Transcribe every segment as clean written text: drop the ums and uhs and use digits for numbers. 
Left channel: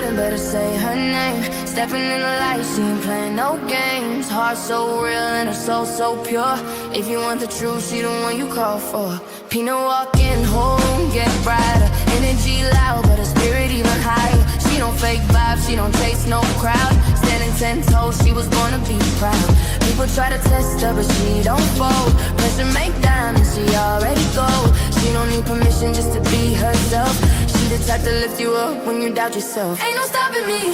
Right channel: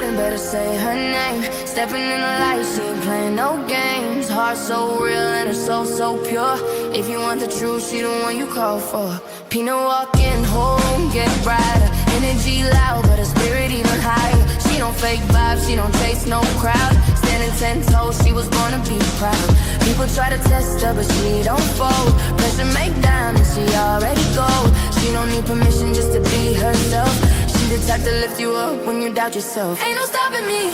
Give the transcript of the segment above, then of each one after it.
building, better say her name. Stepping in the light, she ain't playing no games. Heart so real and her soul so pure. If you want the truth, she the one you call for. Peanut walking, whole room get brighter. Energy loud, but her spirit even higher. She don't fake vibes, she don't chase no crowd. Standing 10 toes, she was born to be proud. People try to test her, but she don't fold. Pressure make diamonds, she already gold. She don't need permission just to be herself. She the type to lift you up when you doubt yourself. Ain't no stopping me.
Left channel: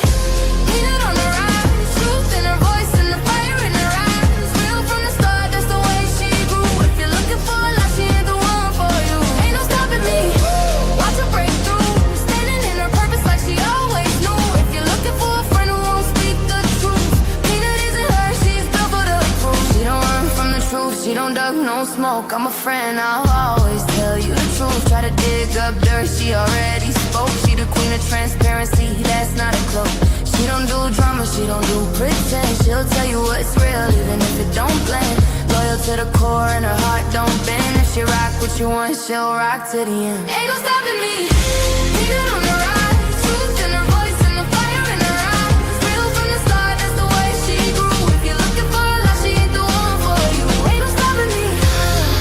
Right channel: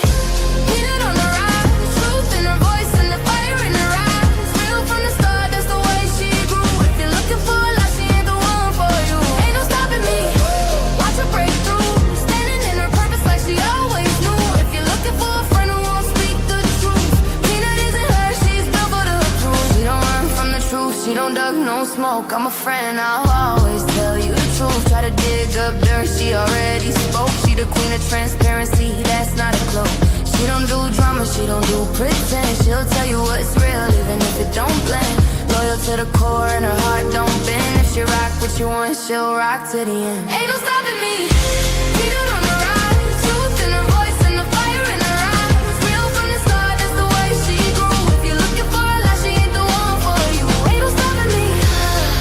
Peanut on the rise, truth in her voice and the fire in her eyes. Real from the start, that's the way she grew. If you're looking for a life, she ain't the one for you. Ain't no stopping me. Watch her break through, standing in her purpose like she always knew. If you're looking for a friend who won't speak the truth, Peanut isn't her, she's built for the proof. She don't run from the truth, she don't duck no smoke. I'm a friend, I'll always tell you the truth. Try to dig up dirt, she already spoke. She the queen of transparency, that's not a cloak. She don't do drama, she don't do pretend. She'll tell you what's real, even if it don't blend. Loyal to the core and her heart don't bend. If she rock what you want, she'll rock to the end. Ain't no stopping me. Peanut on the rise, truth in her voice and the fire in her eyes. Real from the start, that's the way she grew. If you're looking for a life, she ain't the one for you. Ain't no stopping me.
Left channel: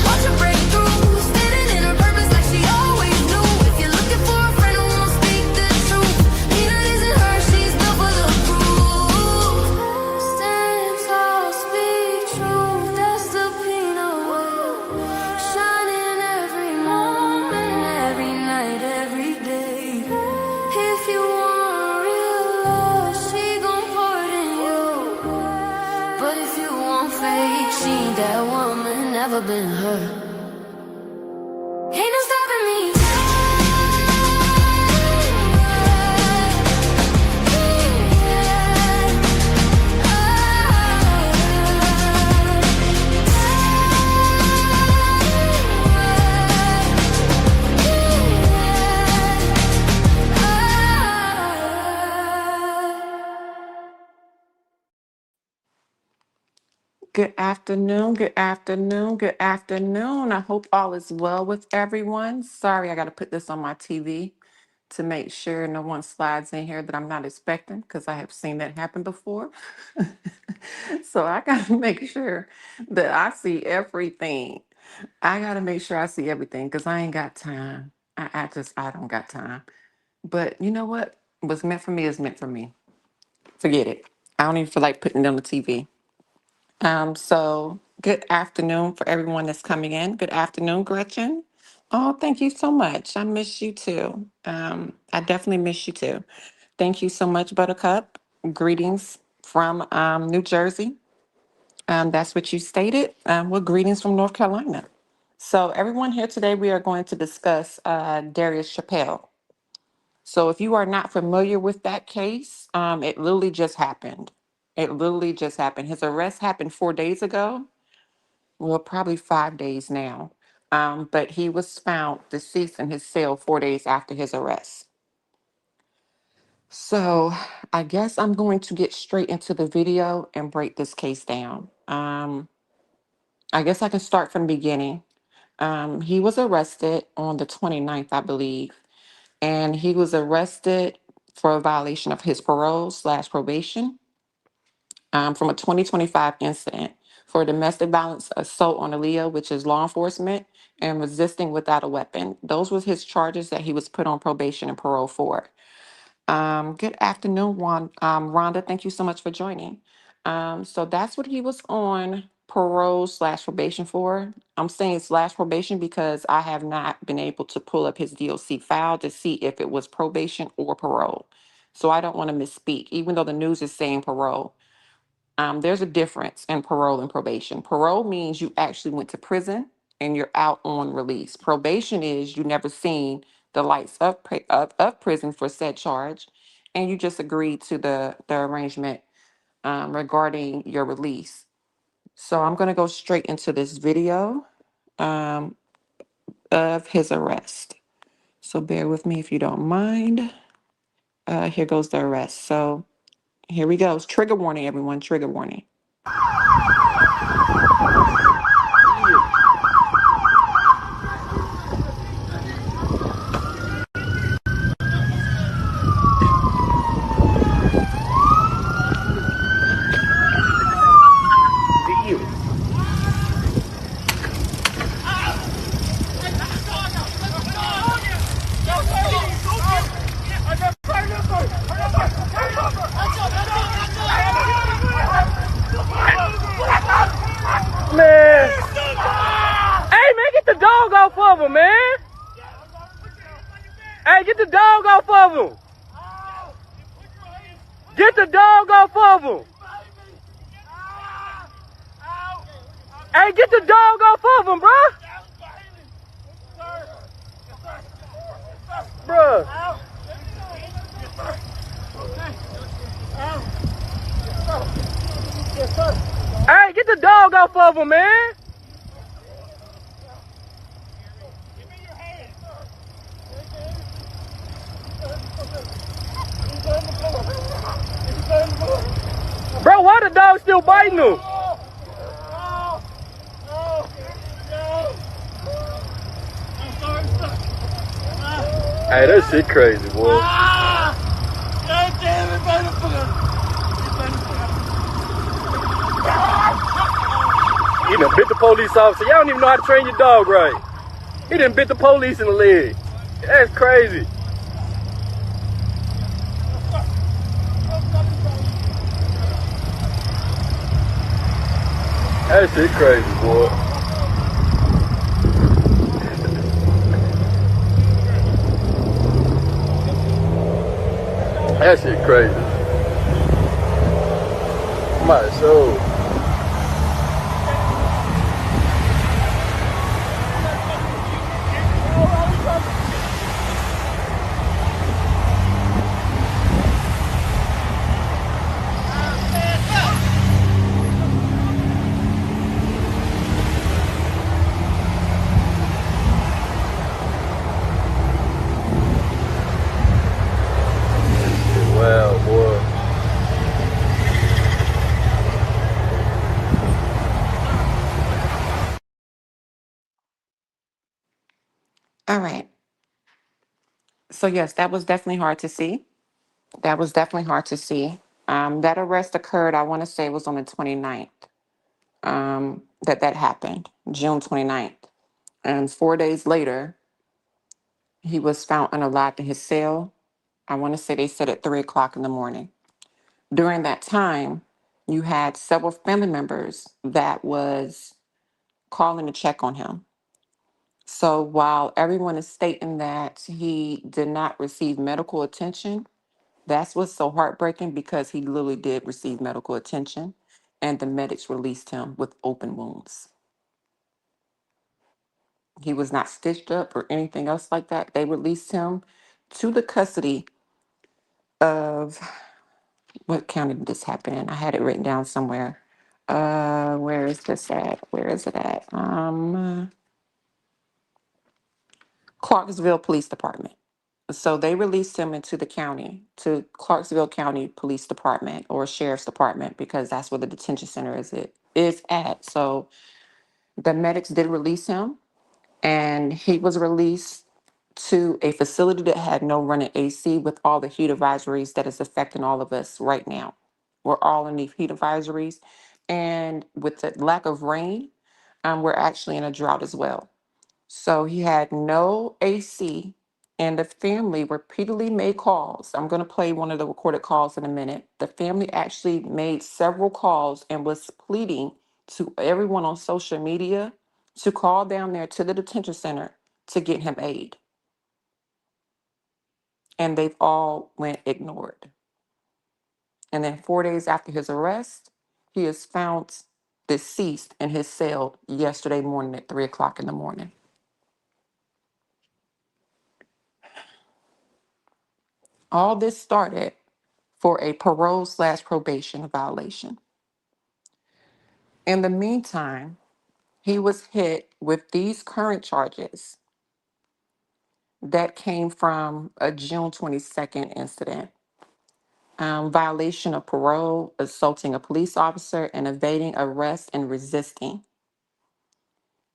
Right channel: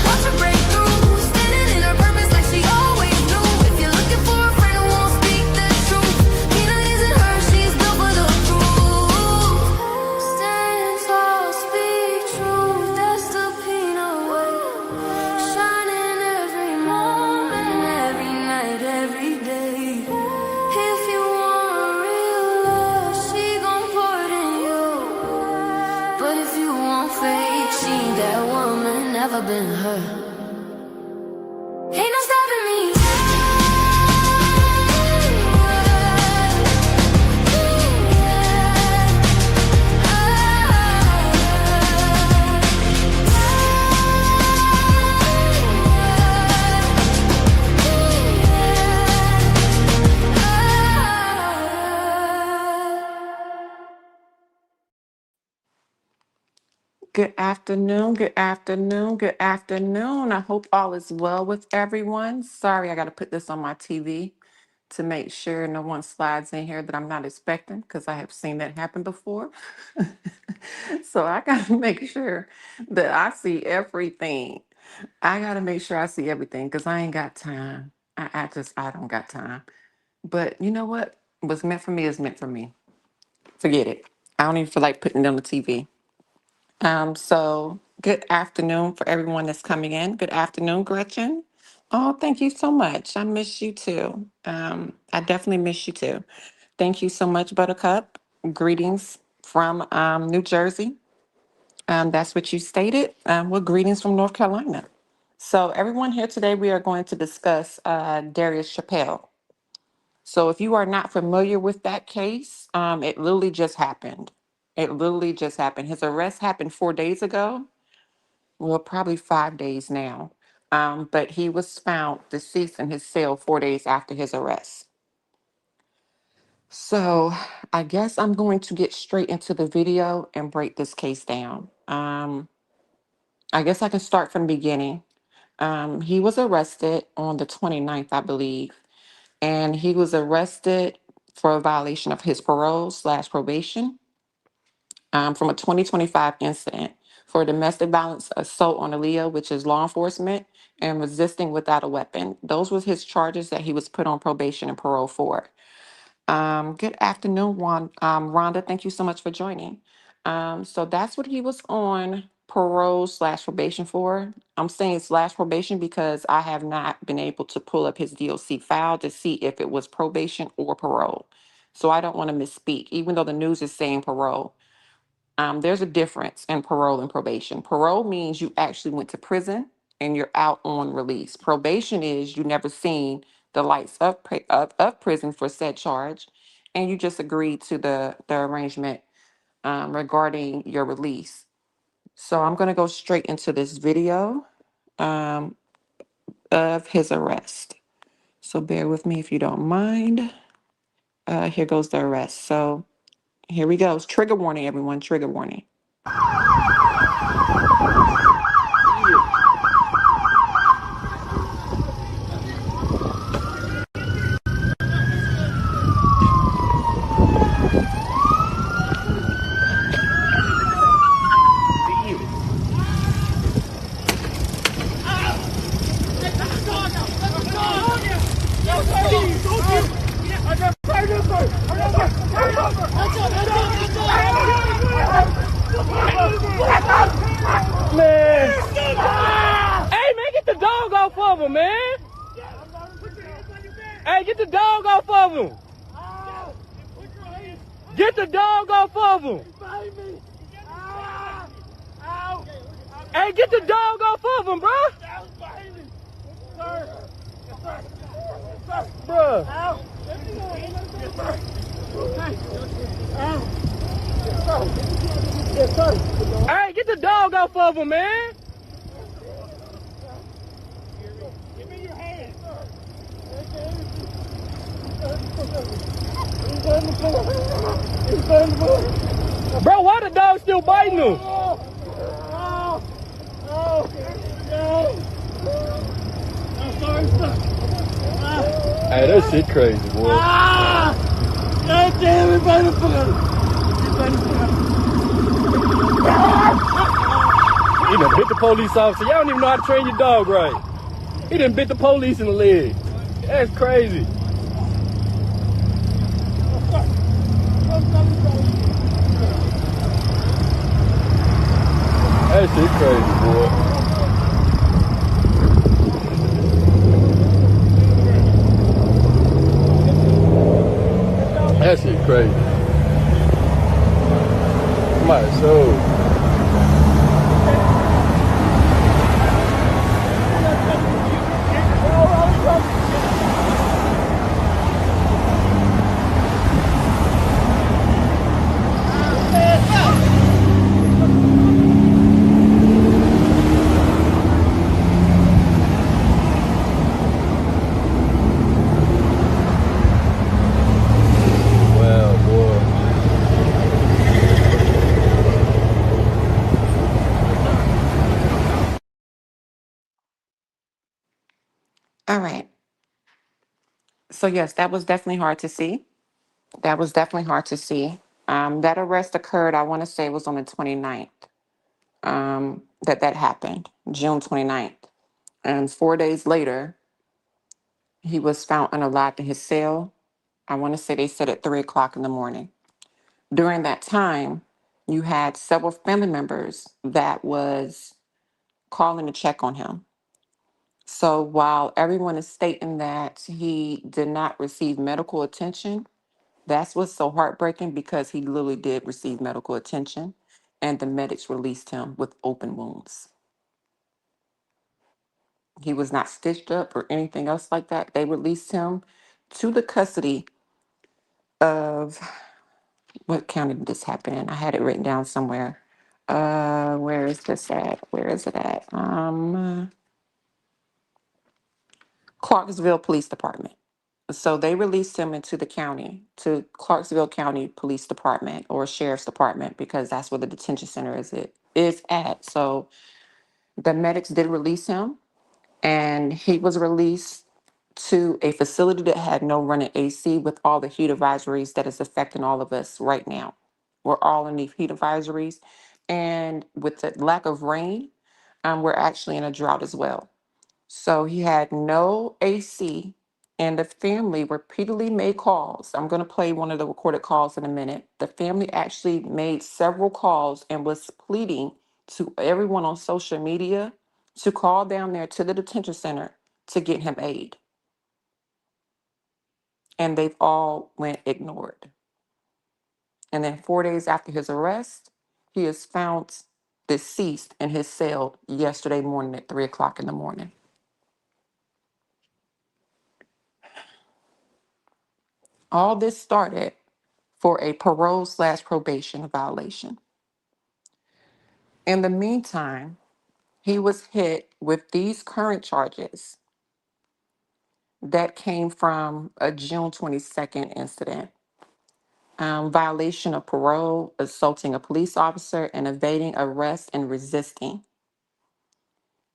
Watch her break through, standing in her purpose like she always knew. If you're looking for a friend who won't speak the truth, Peanut isn't her, she's built for the proof. Stand tall, speak truth, that's the Peanut way. Shining every moment, every night, every day. If you want real love, she gon' pour it in you. But if you want fake, she ain't that woman, never been her. Ain't no stopping me. Good afternoon, good afternoon, good afternoon. I hope all is well with everyone. Sorry, I got to put this on my TV to make sure no one slides in here that I'm not expecting because I have seen that happen before. So I got to make sure that I see everything. I got to make sure I see everything because I ain't got time. I don't got time. But you know what? What's meant for me is meant for me. Forget it. I don't even feel like putting it on the TV. So good afternoon for everyone that's coming in. Good afternoon, Gretchen. Oh, thank you so much. I miss you too. I definitely miss you too. Thank you so much, Buttercup. Greetings from New Jersey. That's what you stated. Well, greetings from North Carolina. So everyone here today, we are going to discuss Darius Chappell. So if you are not familiar with that case, it literally just happened. It literally just happened. His arrest happened 4 days ago. Well, probably 5 days now. But he was found deceased in his cell 4 days after his arrest. So I guess I'm going to get straight into the video and break this case down. I guess I can start from the beginning. He was arrested on the 29th, I believe, and he was arrested for a violation of his parole/probation from a 2025 incident for domestic violence assault on Aaliyah, which is law enforcement, and resisting without a weapon. Those were his charges that he was put on probation and parole for. Good afternoon, Rhonda. Thank you so much for joining. So that's what he was on parole/probation for. I'm saying /probation because I have not been able to pull up his DOC file to see if it was probation or parole. So I don't want to misspeak, even though the news is saying parole. There's a difference in parole and probation. Parole means you actually went to prison and you're out on release. Probation is you never seen the lights of prison for said charge, and you just agreed to the arrangement regarding your release. So I'm going to go straight into this video um, of his arrest. So bear with me if you don't mind. Here goes the arrest. So here we go. Trigger warning, everyone. Trigger warning. get the dog off of him, bro. Bro. Ow. Yes, sir. Okay. Ow. Yes, sir. Hey, get the dog off of him, man. Give me your hand. He's on the floor. He's on the floor. Bro, why the dog still biting him? Oh, oh, oh, no. I'm sorry, sir. Hey, that shit crazy, boy. Ah! God damn it, motherfucker! He done bit the police officer. Y'all don't even know how to train your dog right. He done bit the police in the leg. That's crazy. That shit crazy, boy. That shit crazy. Might as well. All right. So yes, that was definitely hard to see. That was definitely hard to see. That arrest occurred, I want to say, was on the 29th. That happened, June 29th. And 4 days later, he was found unalived in his cell. I want to say they said at 3 o'clock in the morning. During that time, you had several family members that was calling to check on him. So while everyone is stating that he did not receive medical attention, that's what's so heartbreaking because he literally did receive medical attention and the medics released him with open wounds. He was not stitched up or anything else like that. They released him to the custody of what county did this happen in? I had it written down somewhere. Where is this at? Where is it at? Clarksville Police Department. So they released him into the county, to Clarksville County Police Department or Sheriff's Department, because that's where the detention center is at. So the medics did release him, and he was released to a facility that had no running AC with all the heat advisories that is affecting all of us right now. We're all in the heat advisories, and with the lack of rain, we're actually in a drought as well. So he had no AC, and the family repeatedly made calls. I'm going to play one of the recorded calls in a minute. The family actually made several calls and was pleading to everyone on social media to call down there to the detention center to get him aid. And they've all went ignored. And then 4 days after his arrest, he is found deceased in his cell yesterday morning at 3 o'clock in the morning. All this started for a parole/probation violation. In the meantime, he was hit with these current charges that came from a June 22nd incident. Violation of parole, assaulting a police officer, and evading arrest and resisting.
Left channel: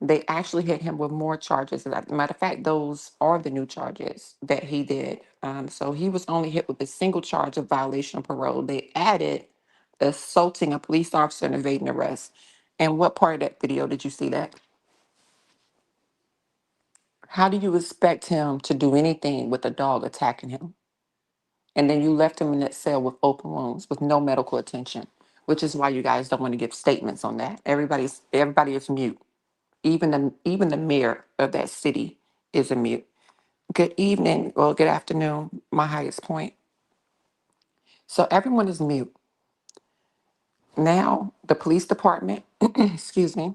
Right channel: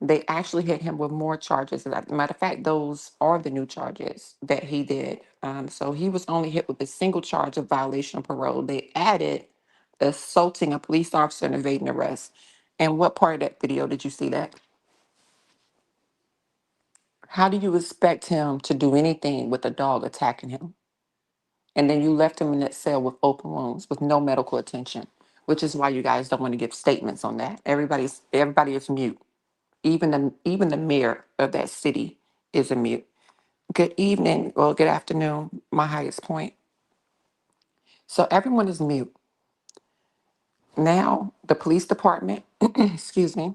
They actually hit him with more charges. As a matter of fact, those are the new charges that he did. So he was only hit with a single charge of violation of parole. They added assaulting a police officer and evading arrest. And what part of that video did you see that? How do you expect him to do anything with a dog attacking him? And then you left him in that cell with open wounds with no medical attention, which is why you guys don't want to give statements on that. Everybody is mute. Even the mayor of that city is a mute. Good evening, well, good afternoon, my highest point. So everyone is mute. Now, the police department, excuse me,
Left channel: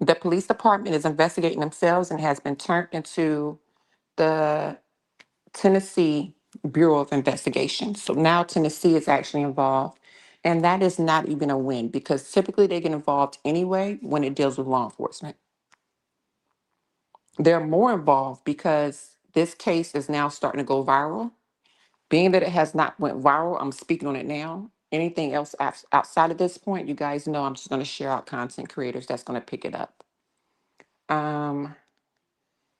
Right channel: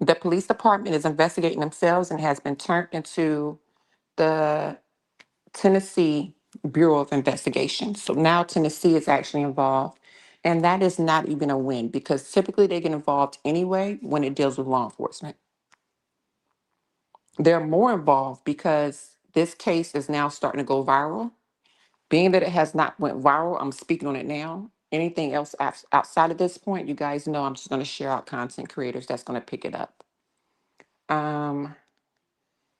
The police department is investigating themselves and has been turned into the Tennessee Bureau of Investigation. So now Tennessee is actually involved. And that is not even a win because typically they get involved anyway when it deals with law enforcement. They're more involved because this case is now starting to go viral. Being that it has not went viral, I'm speaking on it now. Anything else outside of this point, you guys know I'm just going to share out content creators that's going to pick it up. Um,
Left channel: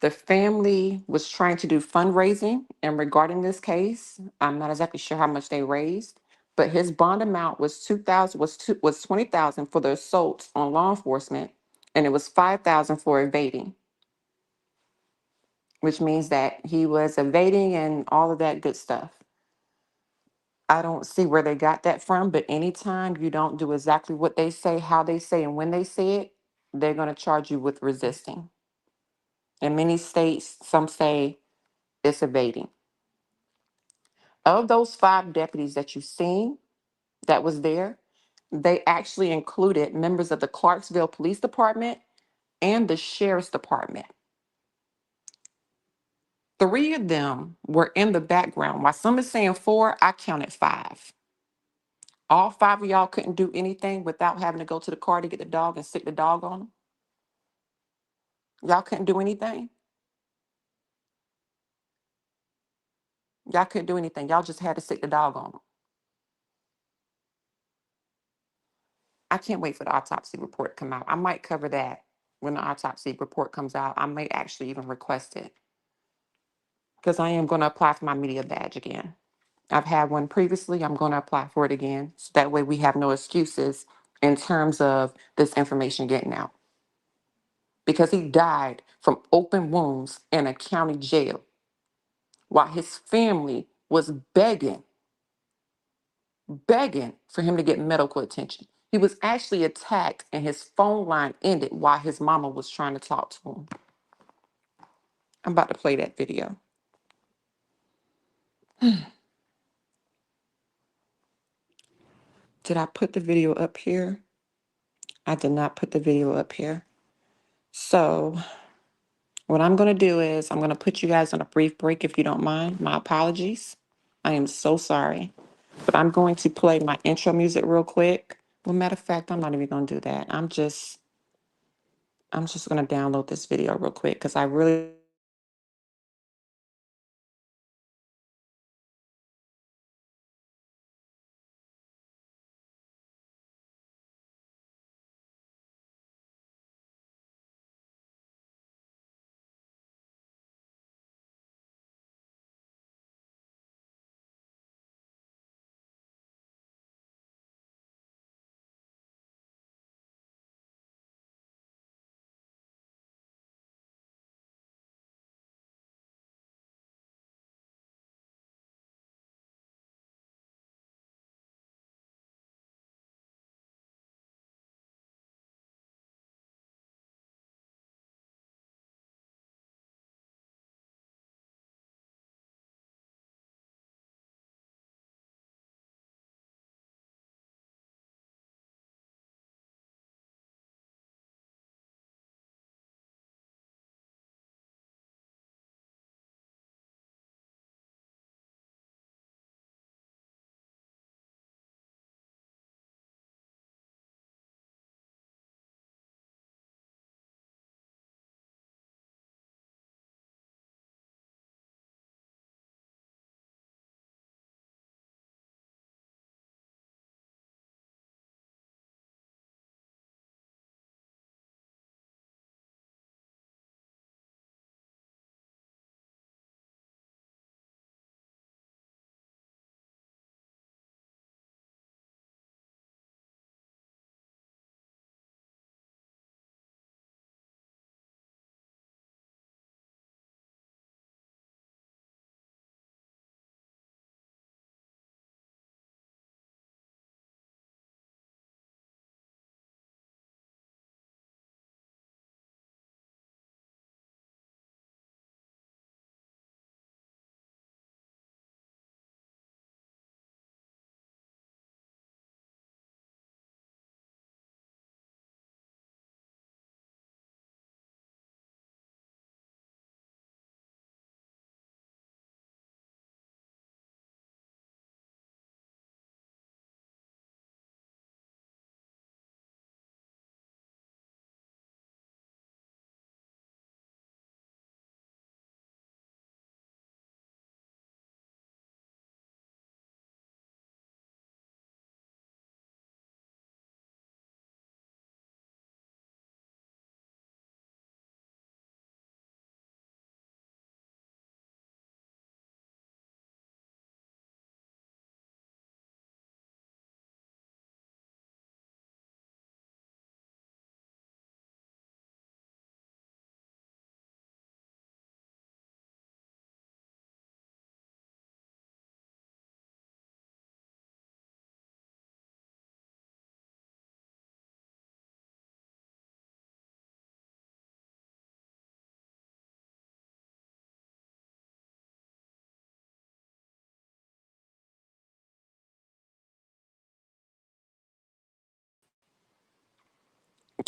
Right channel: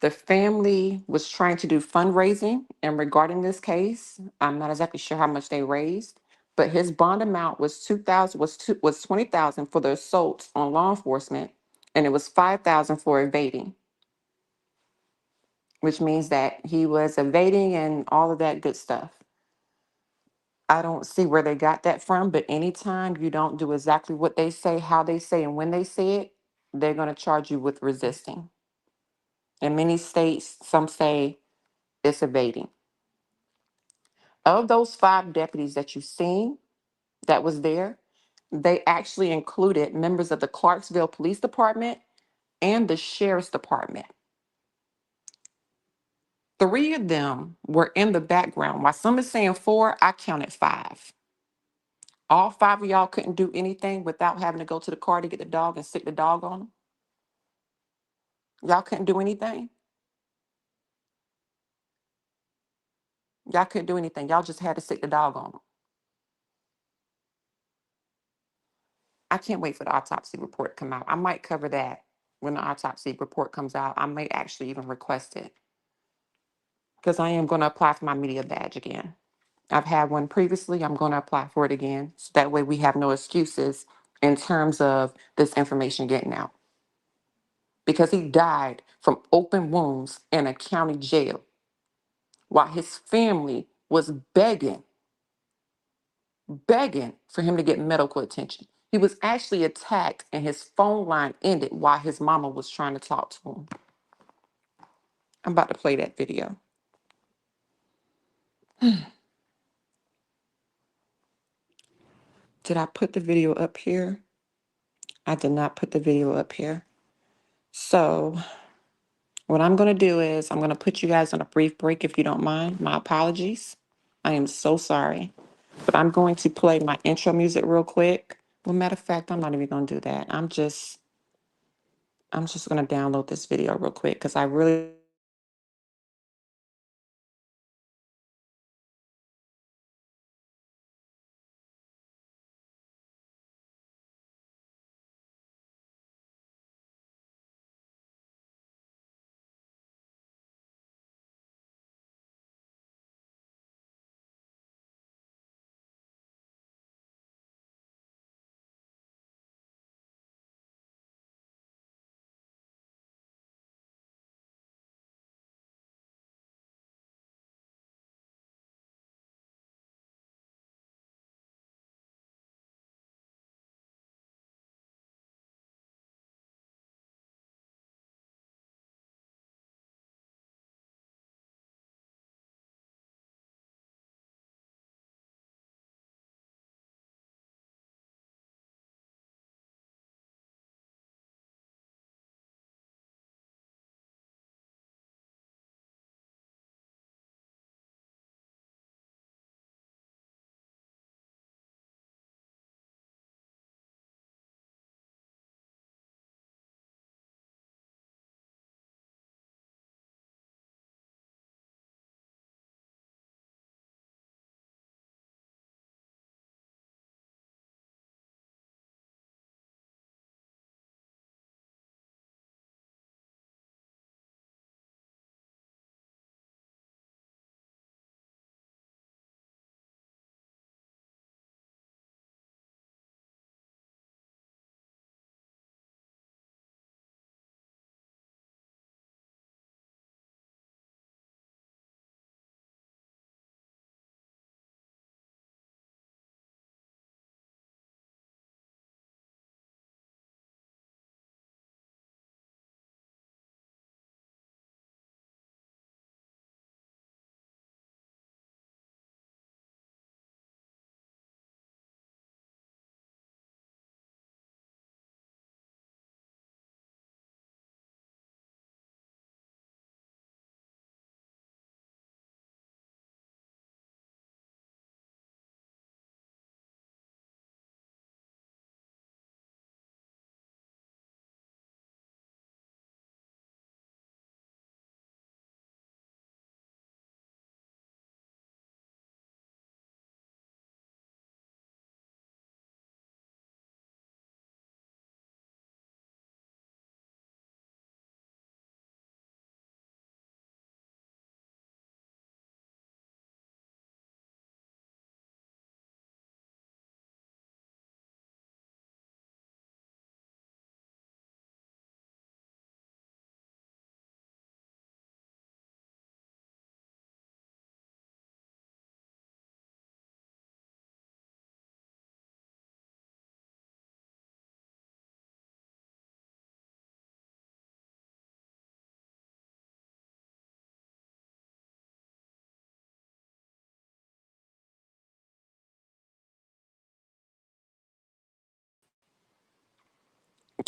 The family was trying to do fundraising, and regarding this case, I'm not exactly sure how much they raised, but his bond amount was 2,000 was 20,000 for the assaults on law enforcement, and it was 5,000 for evading, which means that he was evading and all of that good stuff. I don't see where they got that from, but anytime you don't do exactly what they say, how they say, and when they say it, they're going to charge you with resisting. In many states, some say it's evading. Of those 5 deputies that you've seen that was there, they actually included members of the Clarksville Police Department and the Sheriff's Department. 3 of them were in the background. While some is saying 4, I counted 5. All 5 of y'all couldn't do anything without having to go to the car to get the dog and stick the dog on them. Y'all couldn't do anything. Y'all couldn't do anything. Y'all just had to stick the dog on them. I can't wait for the autopsy report to come out. I might cover that when the autopsy report comes out. I may actually even request it because I am going to apply for my media badge again. I've had one previously. I'm going to apply for it again. So that way we have no excuses in terms of this information getting out. Because he died from open wounds in a county jail while his family was begging for him to get medical attention. He was actually attacked and his phone line ended while his mama was trying to talk to him. I'm about to play that video. Did I put the video up here? I did not put the video up here. So what I'm going to do is I'm going to put you guys on a brief break if you don't mind. My apologies. I am so sorry. But I'm going to play my intro music real quick. Well, matter of fact, I'm not even going to do that. I'm just going to download this video real quick because I really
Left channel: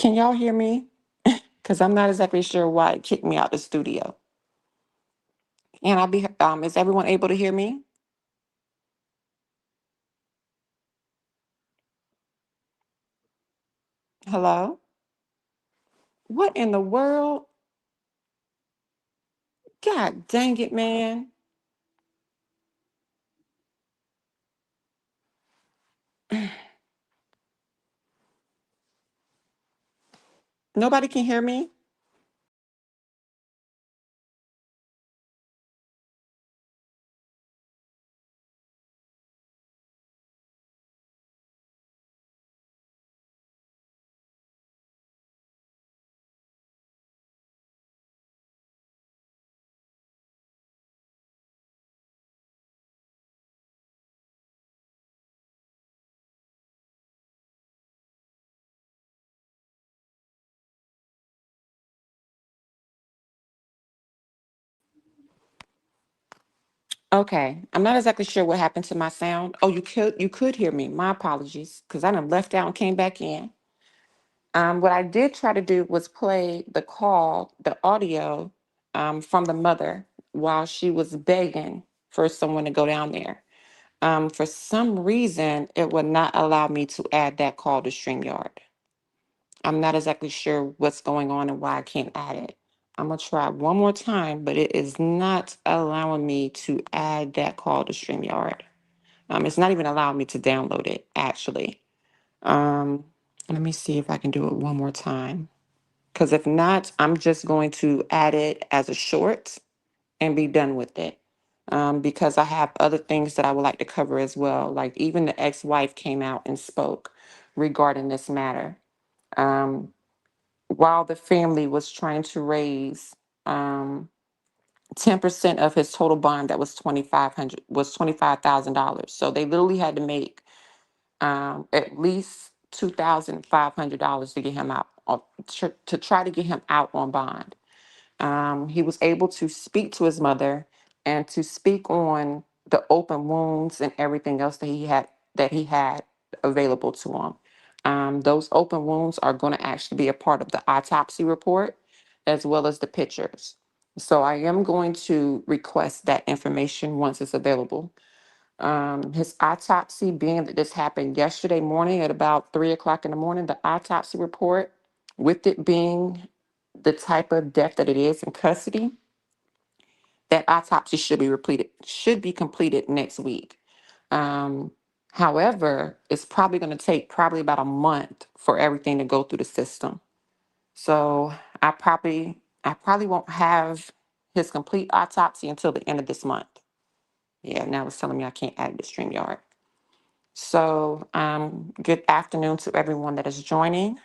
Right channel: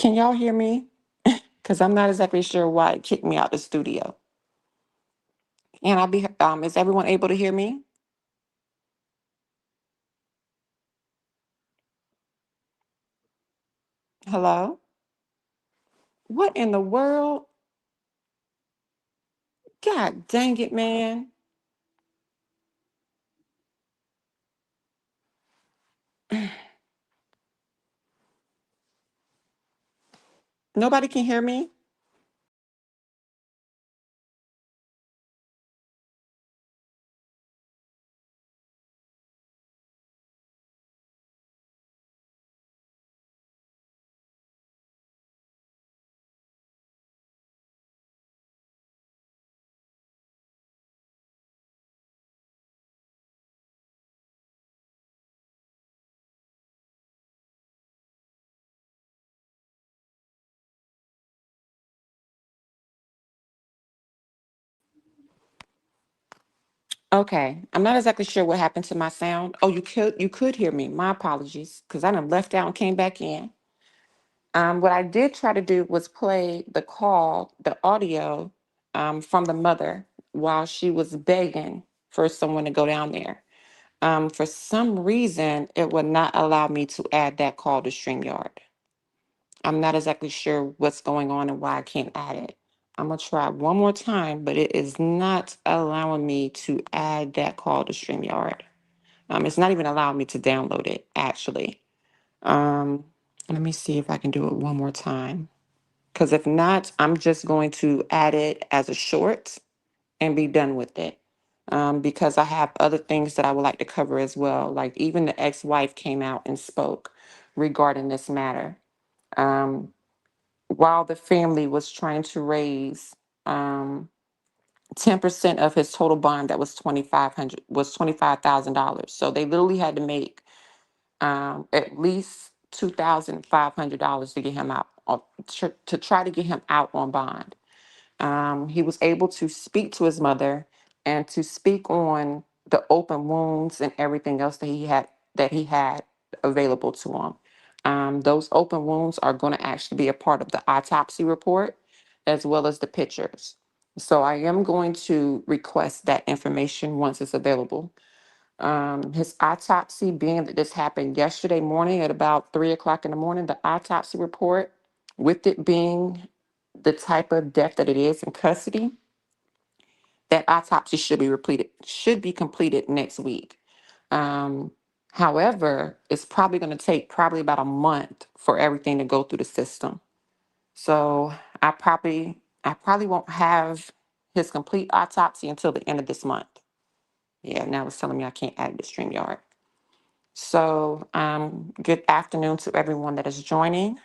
Can y'all hear me? Because I'm not exactly sure why it kicked me out the studio. And is everyone able to hear me? Hello? What in the world? God dang it, man. Nobody can hear me? Okay. I'm not exactly sure what happened to my sound. Oh, you could hear me. My apologies. Because I done left out and came back in. What I did try to do was play the call, the audio from the mother while she was begging for someone to go down there. For some reason, it would not allow me to add that call to StreamYard. I'm not exactly sure what's going on and why I can't add it. I'm gonna try one more time, but it is not allowing me to add that call to StreamYard. It's not even allowing me to download it, actually. Um, Let me see if I can do it one more time. Because if not, I'm just going to add it as a short and be done with it. Because I have other things that I would like to cover as well. Like even the ex-wife came out and spoke regarding this matter. Um, while the family was trying to raise 10% of his total bond, that was $25,000. So they literally had to make at least $2,500 to get him out to try to get him out on bond. He was able to speak to his mother and to speak on the open wounds and everything else that he had available to him. Those open wounds are going to actually be a part of the autopsy report as well as the pictures. So I am going to request that information once it's available. His autopsy, being that this happened yesterday morning at about 3 o'clock in the morning, the autopsy report, with it being the type of death that it is in custody, that autopsy should be completed next week. Um, However, it's probably going to take probably about a month for everything to go through the system. So I probably won't have his complete autopsy until the end of this month. Yeah, now it's telling me I can't add it to StreamYard. So, good afternoon to everyone that is joining.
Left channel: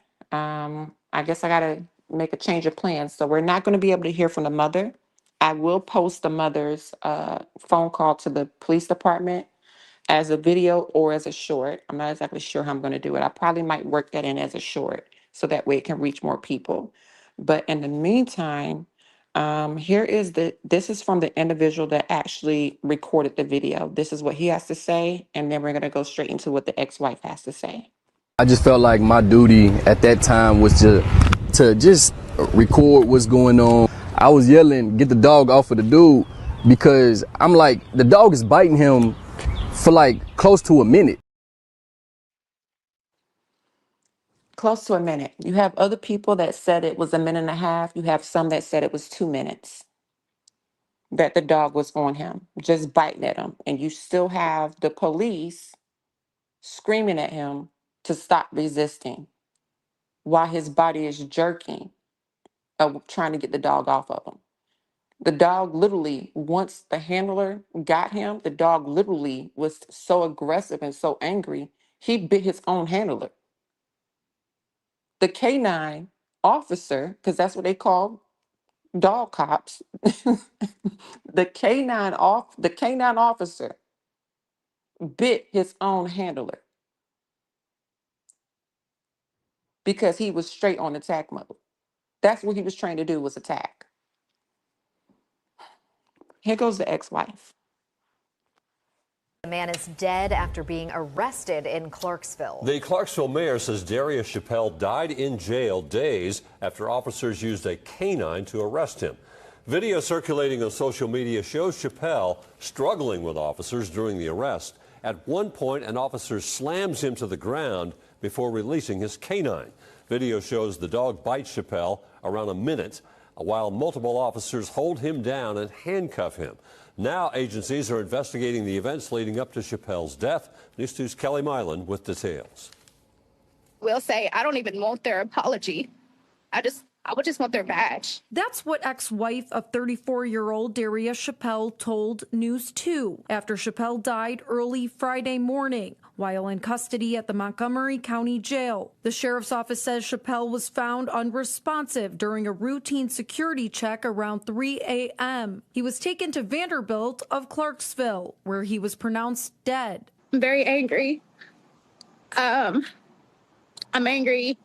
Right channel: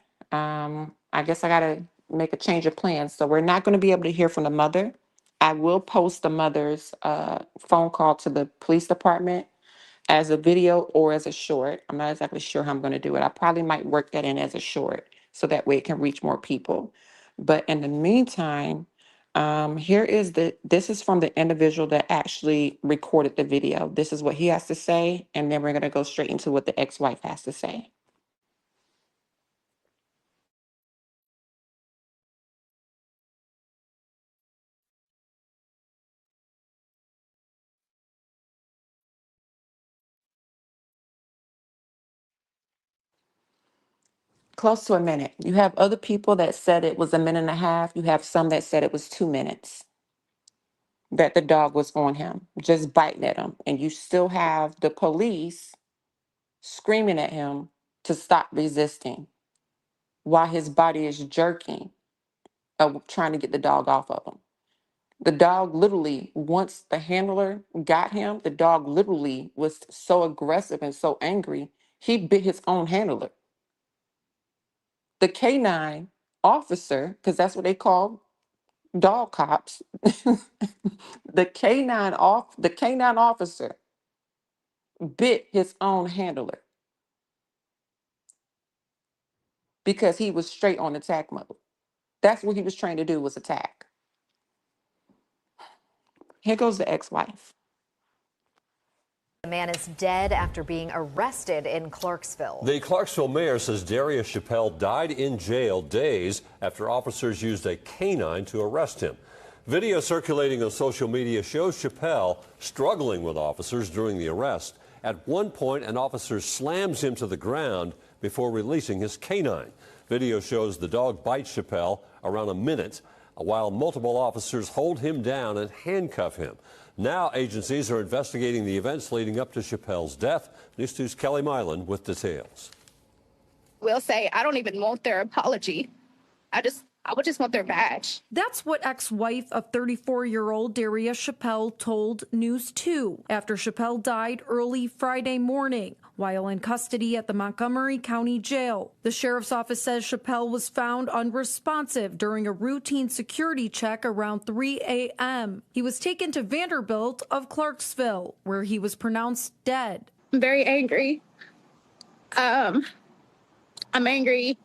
I guess I gotta make a change of plans. So we're not gonna be able to hear from the mother. I will post the mother's phone call to the police department as a video or as a short. I'm not exactly sure how I'm gonna do it. I probably might work that in as a short so that way it can reach more people. But in the meantime, this is from the individual that actually recorded the video. This is what he has to say, and then we're gonna go straight into what the ex-wife has to say. I just felt like my duty at that time was to just record what's going on. I was yelling, get the dog off of the dude, because I'm like, the dog is biting him for like close to a minute. Close to a minute. You have other people that said it was a minute and a half. You have some that said it was 2 minutes that the dog was on him, just biting at him. And you still have the police screaming at him to stop resisting while his body is jerking, trying to get the dog off of him. The dog literally, once the handler got him, the dog literally was so aggressive and so angry, he bit his own handler. The canine officer, because that's what they call dog cops, the canine officer bit his own handler because he was straight on attack mode. That's what he was trained to do, was attack. Here goes the ex-wife. The man is dead after being arrested in Clarksville. The Clarksville mayor says Darius Chappell died in jail days after officers used a canine to arrest him. Video circulating on social media shows Chappell struggling with officers during the arrest. At one point, an officer slams him to the ground before releasing his canine. Video shows the dog bites Chappell around a minute, while multiple officers hold him down and handcuff him. Now agencies are investigating the events leading up to Chappell's death. News 2's Kelly Milan with details. Will say, I don't even want their apology. I would just want their badge. That's what ex-wife of 34-year-old Darius Chappell told News 2 after Chappell died early Friday morning while in custody at the Montgomery County Jail. The sheriff's office says Chappell was found unresponsive during a routine security check around 3 a.m. He was taken to Vanderbilt of Clarksville, where he was pronounced dead. I'm very angry. I'm angry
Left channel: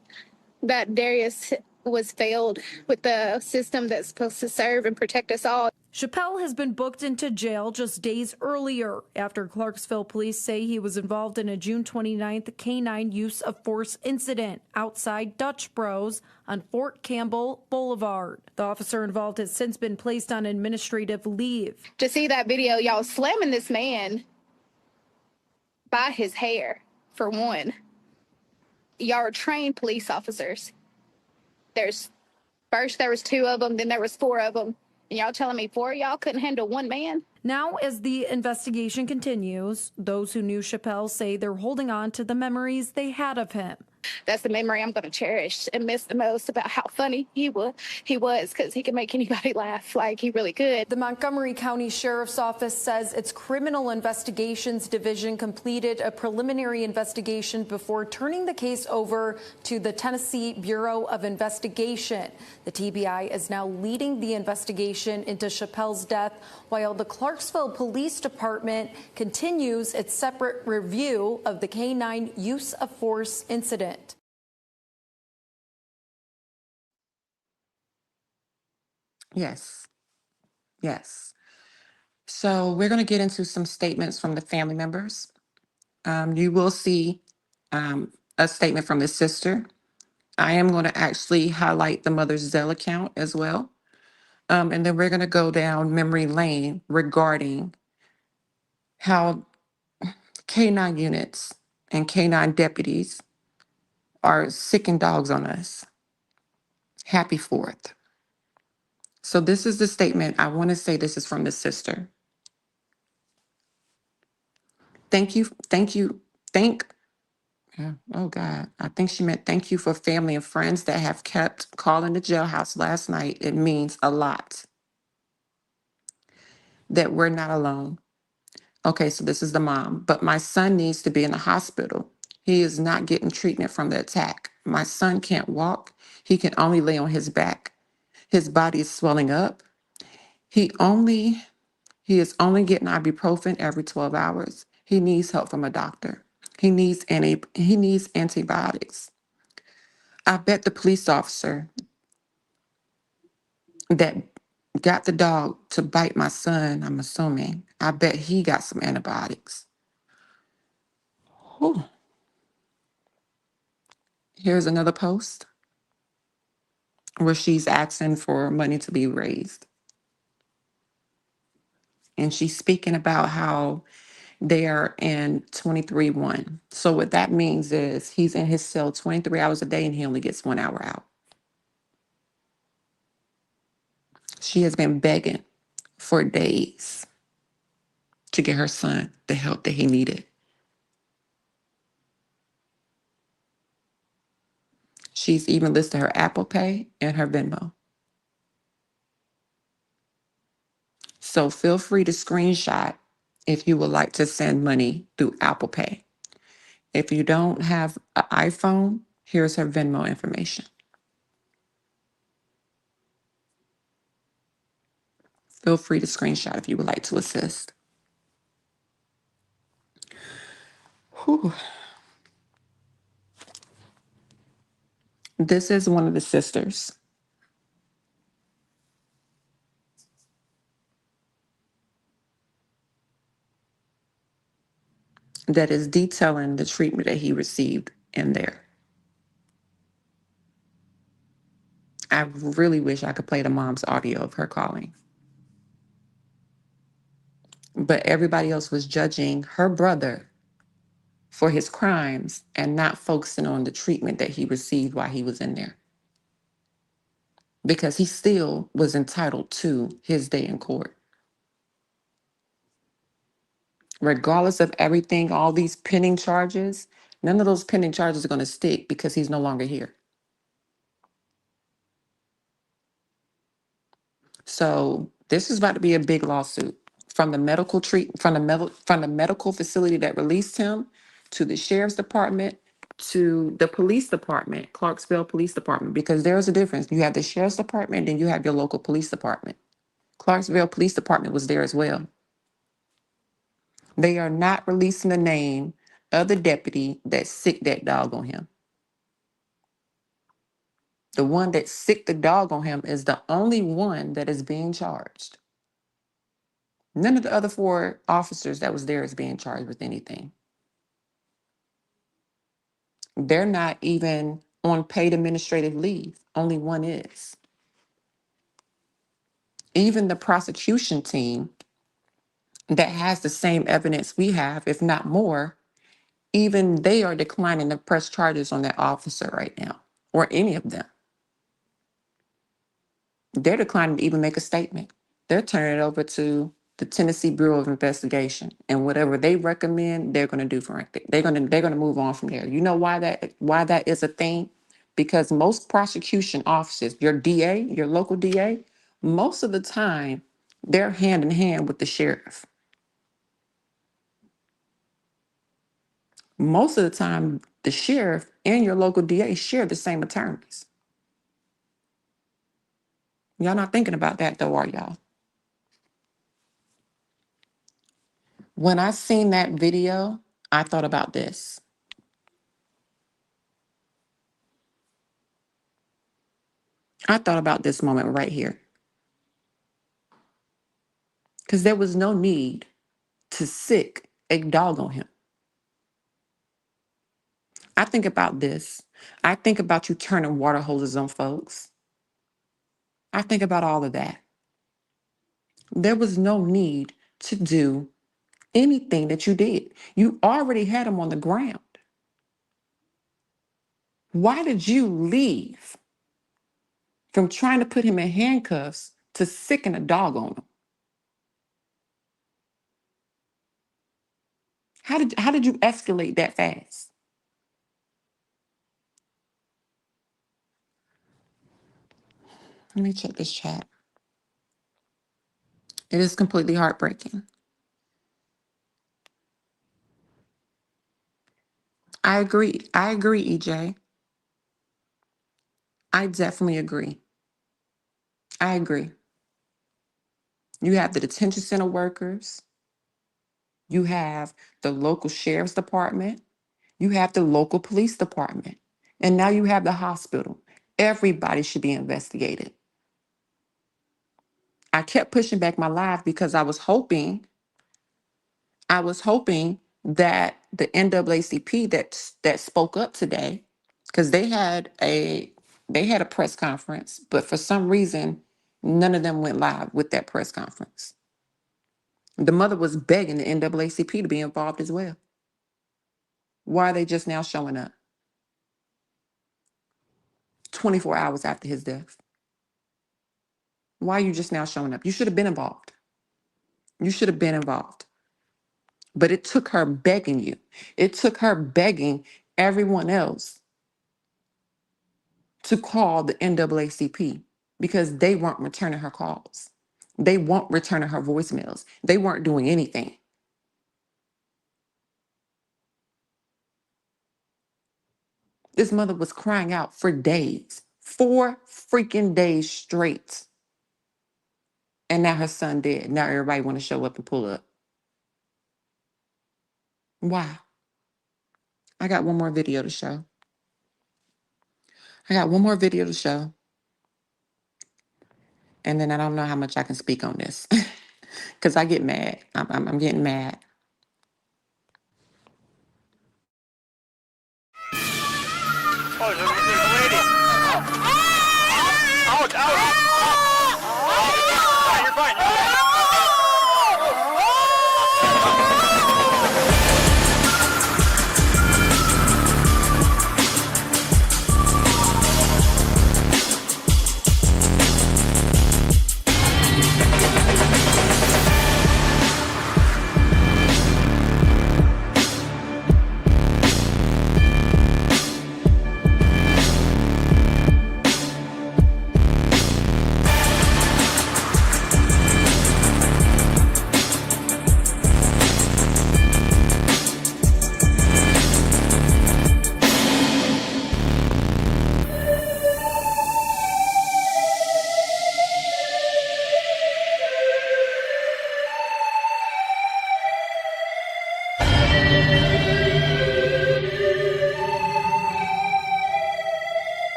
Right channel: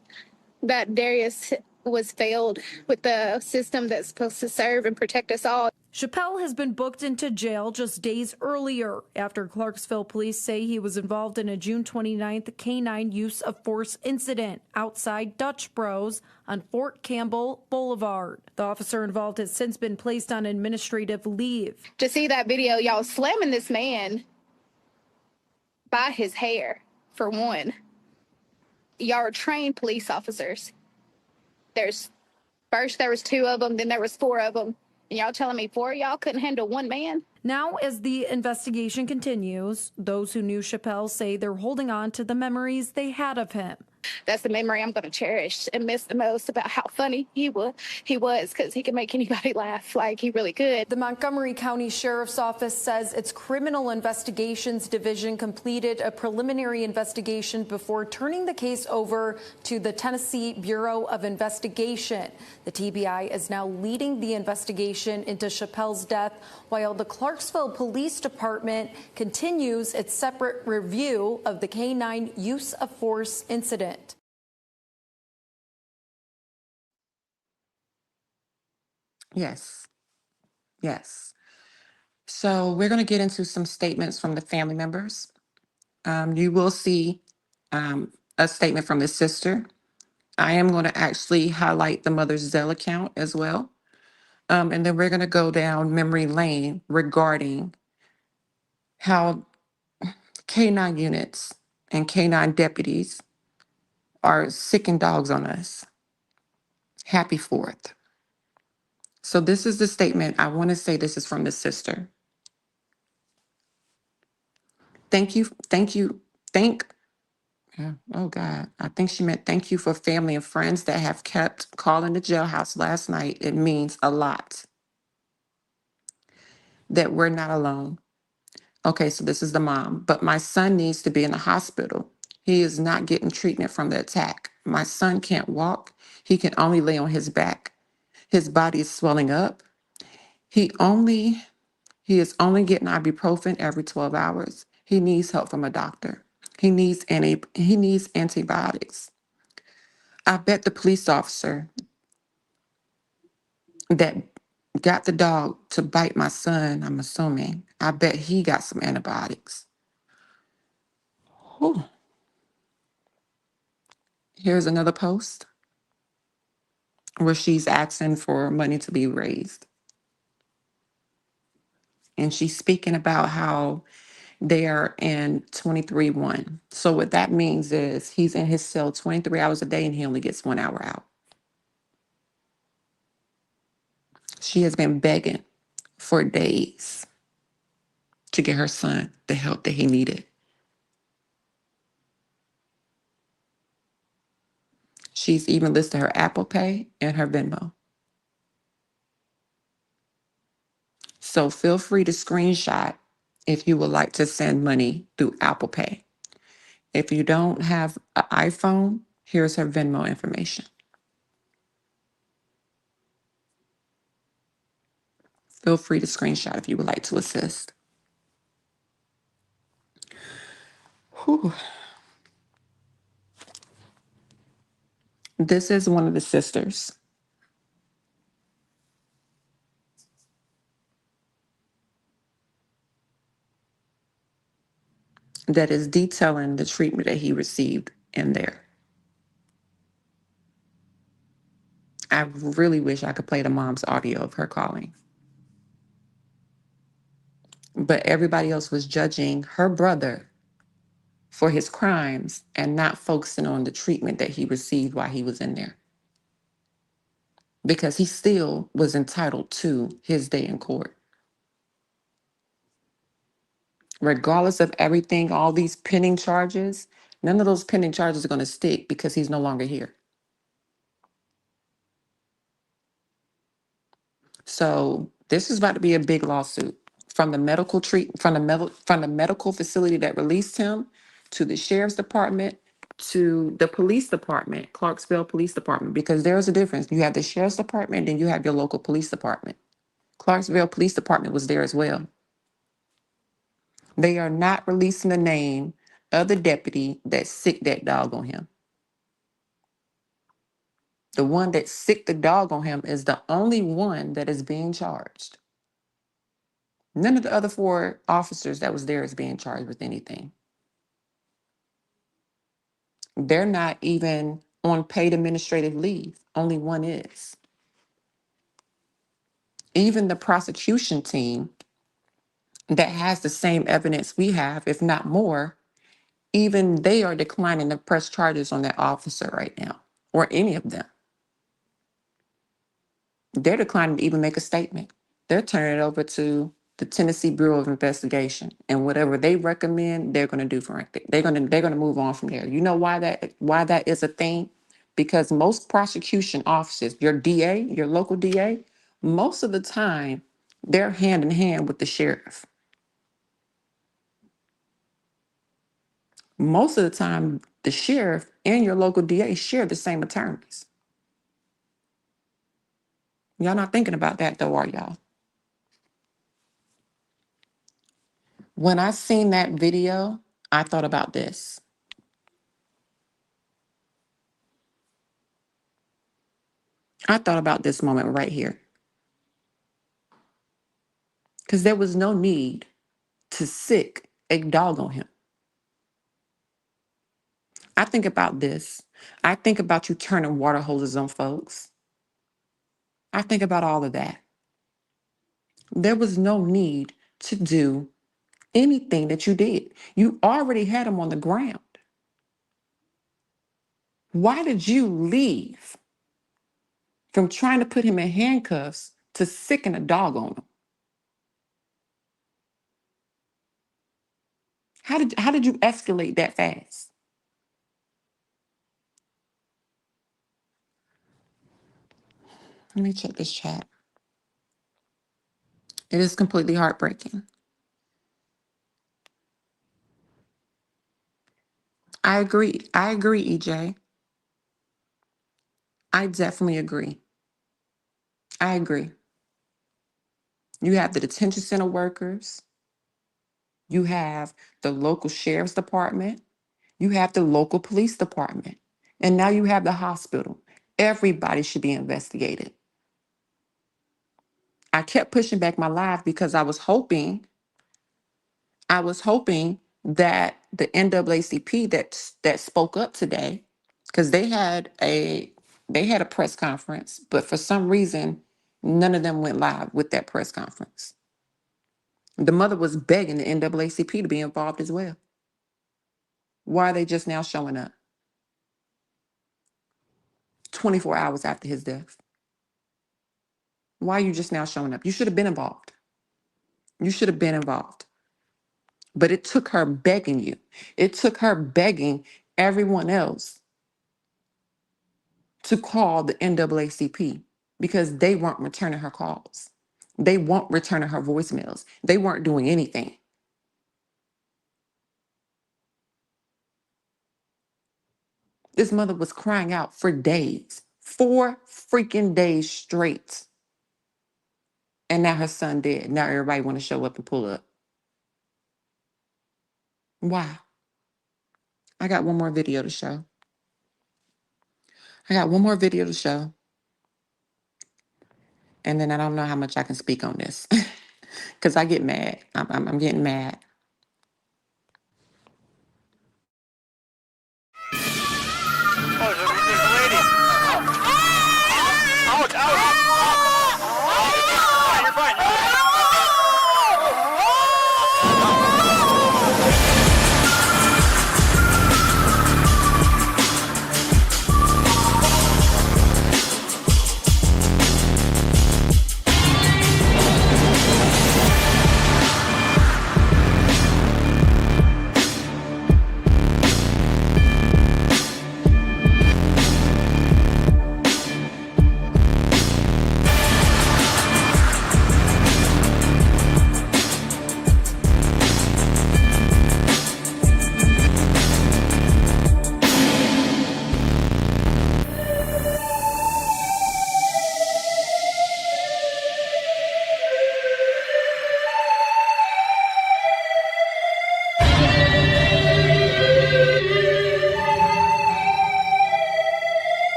that Darius was failed with the system that's supposed to serve and protect us all. Chappell has been booked into jail just days earlier after Clarksville police say he was involved in a June 29th canine use of force incident outside Dutch Bros on Fort Campbell Boulevard. The officer involved has since been placed on administrative leave. To see that video, y'all slamming this man by his hair, for one. Y'all are trained police officers. First there was 2 of them, then there was 4 of them. And y'all telling me 4 of y'all couldn't handle 1 man? Now, as the investigation continues, those who knew Chappell say they're holding on to the memories they had of him. That's the memory I'm going to cherish and miss the most about how funny he was, because he could make anybody laugh like he really could. The Montgomery County Sheriff's Office says its Criminal Investigations Division completed a preliminary investigation before turning the case over to the Tennessee Bureau of Investigation. The TBI is now leading the investigation into Chappell's death, while the Clarksville Police Department continues its separate review of the canine use of force incident. Yes. Yes. So we're going to get into some statements from the family members. You will see a statement from the sister. I am going to actually highlight the mother's Zelle account as well. And then we're going to go down memory lane regarding how K-9 units and K-9 deputies are sicking dogs on us. Happy 4th. So this is the statement. I want to say this is from the sister. Thank you. Oh God, I think she meant thank you for family and friends that have kept calling the jailhouse last night. It means a lot that we're not alone. Okay, so this is the mom, but my son needs to be in the hospital. He is not getting treatment from the attack. My son can't walk. He can only lay on his back. His body is swelling up. He is only getting ibuprofen every 12 hours. He needs help from a doctor. He needs antibiotics. I bet the police officer that got the dog to bite my son, I'm assuming, I bet he got some antibiotics. Whew. Here's another post where she's asking for money to be raised. And she's speaking about how they are in 23-1. So what that means is he's in his cell 23 hours a day and he only gets 1 hour out. She has been begging for days to get her son the help that he needed. She's even listed her Apple Pay and her Venmo. So feel free to screenshot if you would like to send money through Apple Pay. If you don't have an iPhone, here's her Venmo information. Feel free to screenshot if you would like to assist. Whew. This is one of the sisters. that is detailing the treatment that he received in there. I really wish I could play the mom's audio of her calling. But everybody else was judging her brother for his crimes and not focusing on the treatment that he received while he was in there. Because he still was entitled to his day in court. Regardless of everything, all these pending charges, none of those pending charges are going to stick because he's no longer here. So this is about to be a big lawsuit from the from the medical facility that released him to the sheriff's department to the police department, Clarksville Police Department, because there's a difference. You have the sheriff's department, then you have your local police department. Clarksville Police Department was there as well. They are not releasing the name of the deputy that sicked that dog on him. The one that sicked the dog on him is the only one that is being charged. None of the other 4 officers that was there is being charged with anything. They're not even on paid administrative leave. Only one is. Even the prosecution team that has the same evidence we have, if not more, even they are declining to press charges on that officer right now, or any of them. They're declining to even make a statement. They're turning it over to the Tennessee Bureau of Investigation, and whatever they recommend, they're going to do for it. They're going to move on from there. You know why that is a thing? Because most prosecution offices, your DA, your local DA, most of the time they're hand in hand with the sheriff. Most of the time, the sheriff and your local DA share the same attorneys. Y'all not thinking about that though, are y'all? When I seen that video, I thought about this. I thought about this moment right here. Because there was no need to sick a dog on him. I think about this. I think about you turning water hoses on folks. I think about all of that. There was no need to do anything that you did. You already had him on the ground. Why did you leave from trying to put him in handcuffs to sicken a dog on him? How did you escalate that fast? Let me check this chat. It is completely heartbreaking. I agree. I agree, EJ. I definitely agree. I agree. You have the detention center workers. You have the local sheriff's department. You have the local police department. And now you have the hospital. Everybody should be investigated. I kept pushing back my live because I was hoping that the NAACP that spoke up today, because they had a press conference, but for some reason, none of them went live with that press conference. The mother was begging the NAACP to be involved as well. Why are they just now showing up? 24 hours after his death. Why are you just now showing up? You should have been involved. You should have been involved. But it took her begging you. It took her begging everyone else to call the NAACP because they weren't returning her calls. They weren't returning her voicemails. They weren't doing anything. This mother was crying out for days, 4 freaking days straight. And now her son dead. Now everybody want to show up and pull up. Why? I got one more video to show. I got one more video to show. And then I don't know how much I can speak on this because I get mad. I'm getting mad.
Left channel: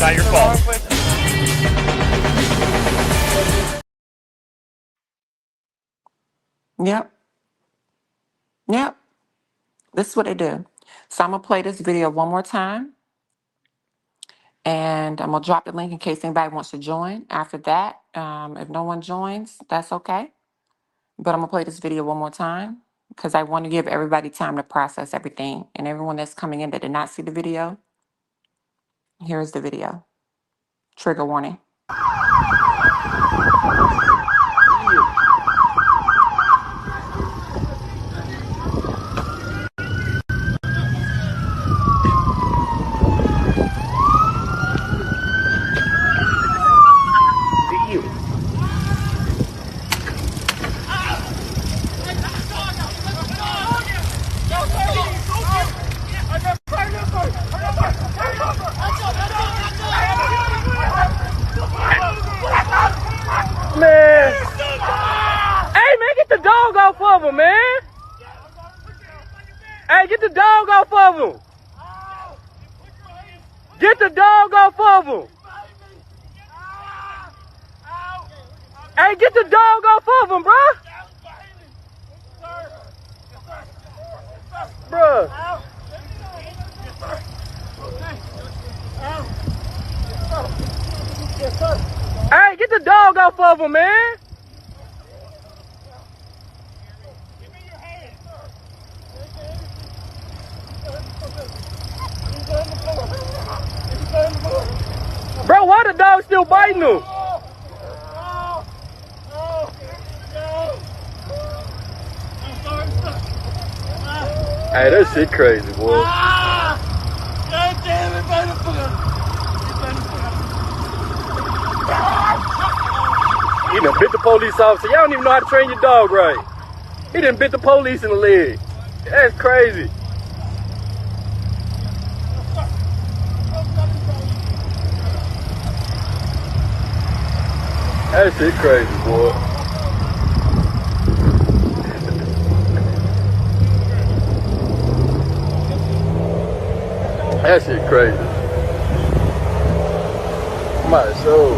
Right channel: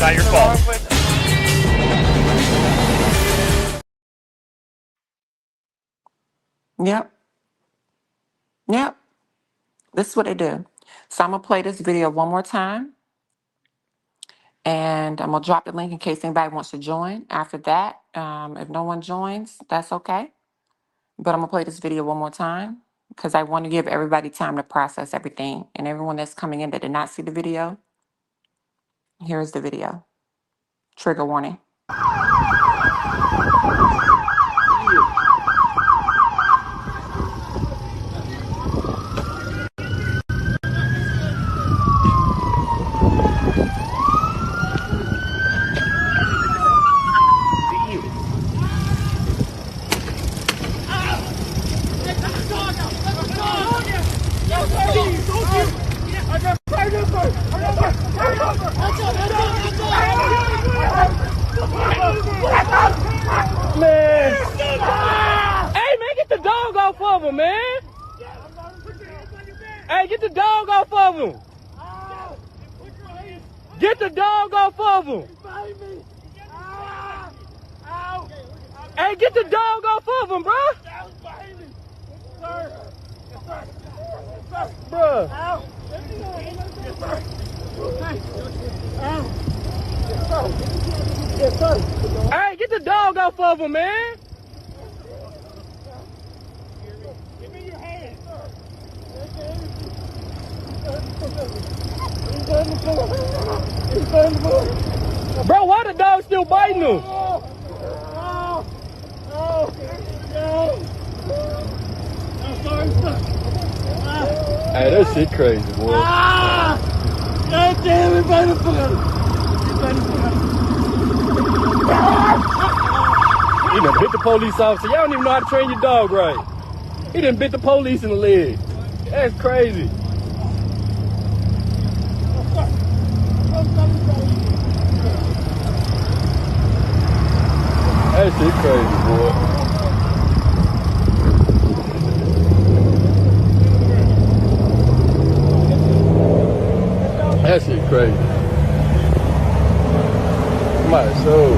Not your fault. Yep. Yep. This is what they do. So I'm gonna play this video one more time, and I'm gonna drop the link in case anybody wants to join. After that, if no one joins, that's okay. But I'm gonna play this video one more time because I want to give everybody time to process everything. And everyone that's coming in that did not see the video, here's the video. Trigger warning. Hey, man, get the dog off of him, man. Hey, get the dog off of him. Get the dog off of him. Hey, get the dog off of him, bro. Bruh. Hey, get the dog off of him, man. Give me your hand. Bro, why the dog still biting him? Hey, that shit crazy, boy. God damn it, motherfucker. He done bit the police officer. Y'all don't even know how to train your dog right. He done bit the police in the leg. That's crazy. That shit crazy, boy. That shit crazy. My soul.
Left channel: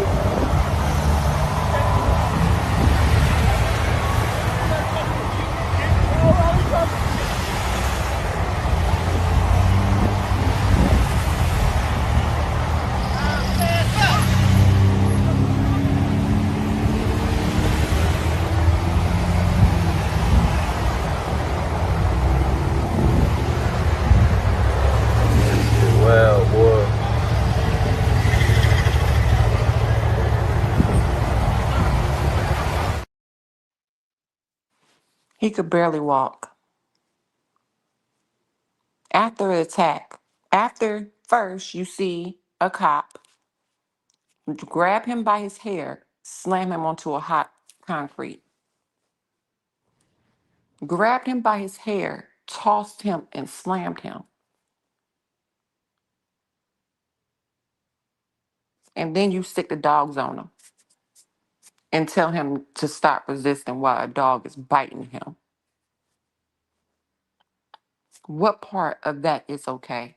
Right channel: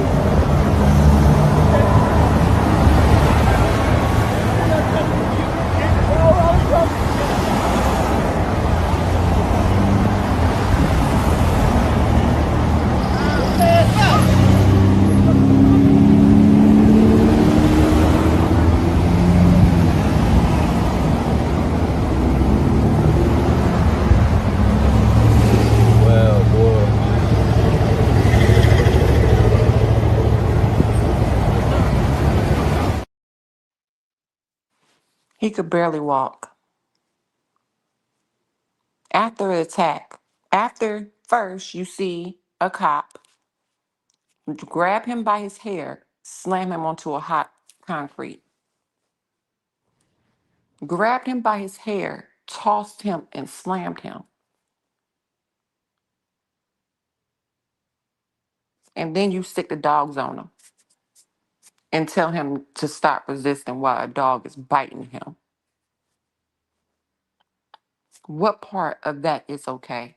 He could barely walk. After the attack, after first you see a cop grab him by his hair, slam him onto a hot concrete. Grabbed him by his hair, tossed him, and slammed him. And then you stick the dogs on him and tell him to stop resisting while a dog is biting him. What part of that is okay?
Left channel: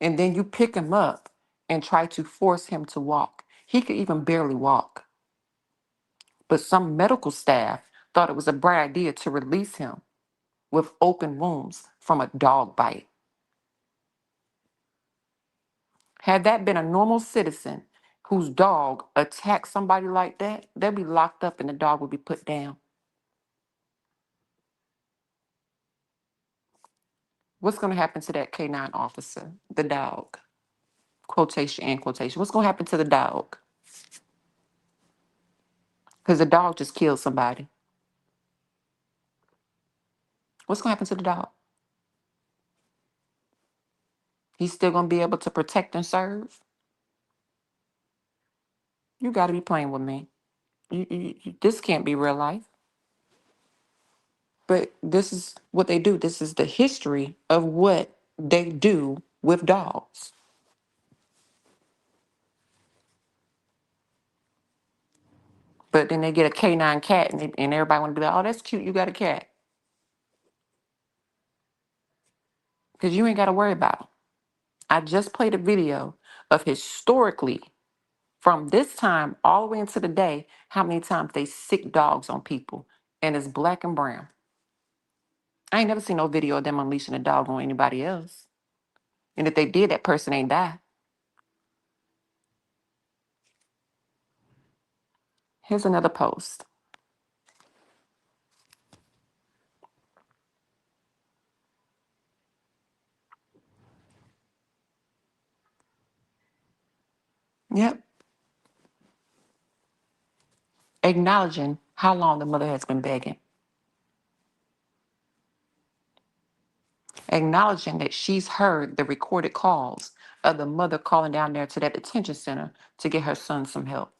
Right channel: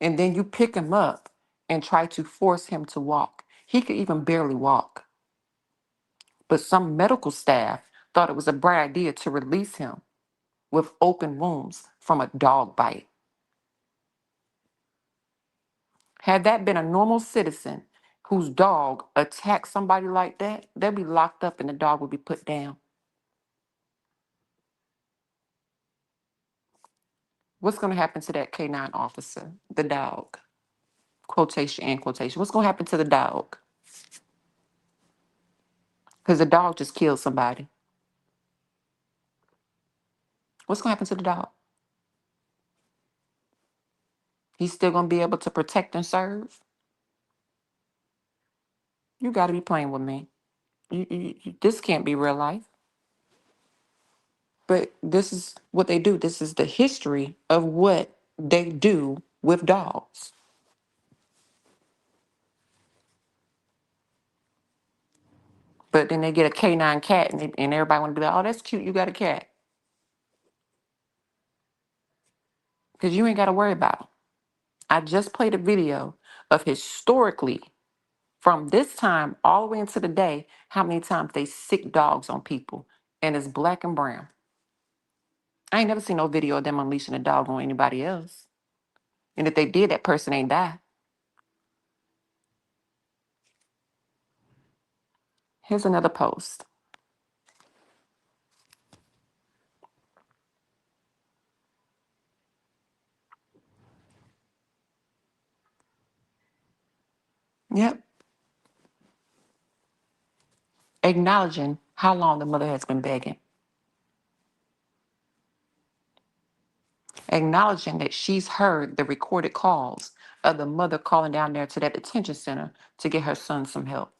And then you pick him up and try to force him to walk. He could even barely walk. But some medical staff thought it was a bright idea to release him with open wounds from a dog bite. Had that been a normal citizen whose dog attacked somebody like that, they'd be locked up and the dog would be put down. What's going to happen to that K9 officer, the dog? Quotation and quotation. What's going to happen to the dog? Because the dog just killed somebody. What's going to happen to the dog? He's still going to be able to protect and serve? You got to be playing with me. This can't be real life. But this is what they do. This is the history of what they do with dogs. But then they get a canine cat and everybody want to be like, oh, that's cute. You got a cat. Because you ain't got to worry about them. I just played a video of historically, from this time all the way into the day, how many times they sick dogs on people, and it's black and brown. I ain't never seen no video of them unleashing a dog on anybody else. And if they did, that person ain't die. Here's another post. Yep. Acknowledging how long the mother has been begging. Acknowledging that she's heard the recorded calls of the mother calling down there to that detention center to get her son some help.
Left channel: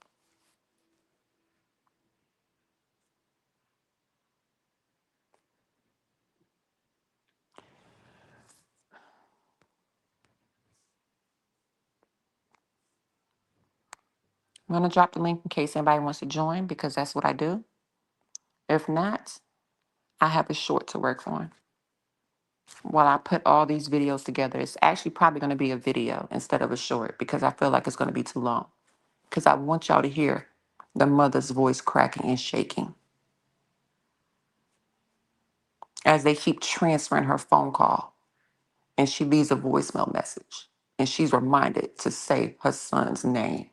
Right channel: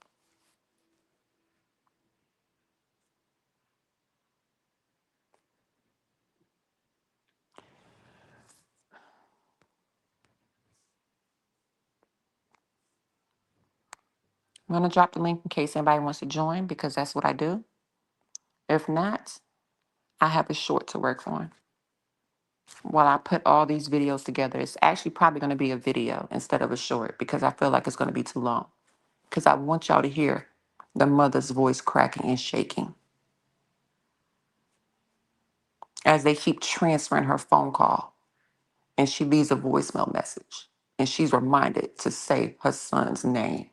I'm going to drop the link in case anybody wants to join because that's what I do. If not, I have a short to work on. While I put all these videos together, it's actually probably going to be a video instead of a short because I feel like it's going to be too long. Because I want y'all to hear the mother's voice cracking and shaking as they keep transferring her phone call and she leaves a voicemail message and she's reminded to say her son's name.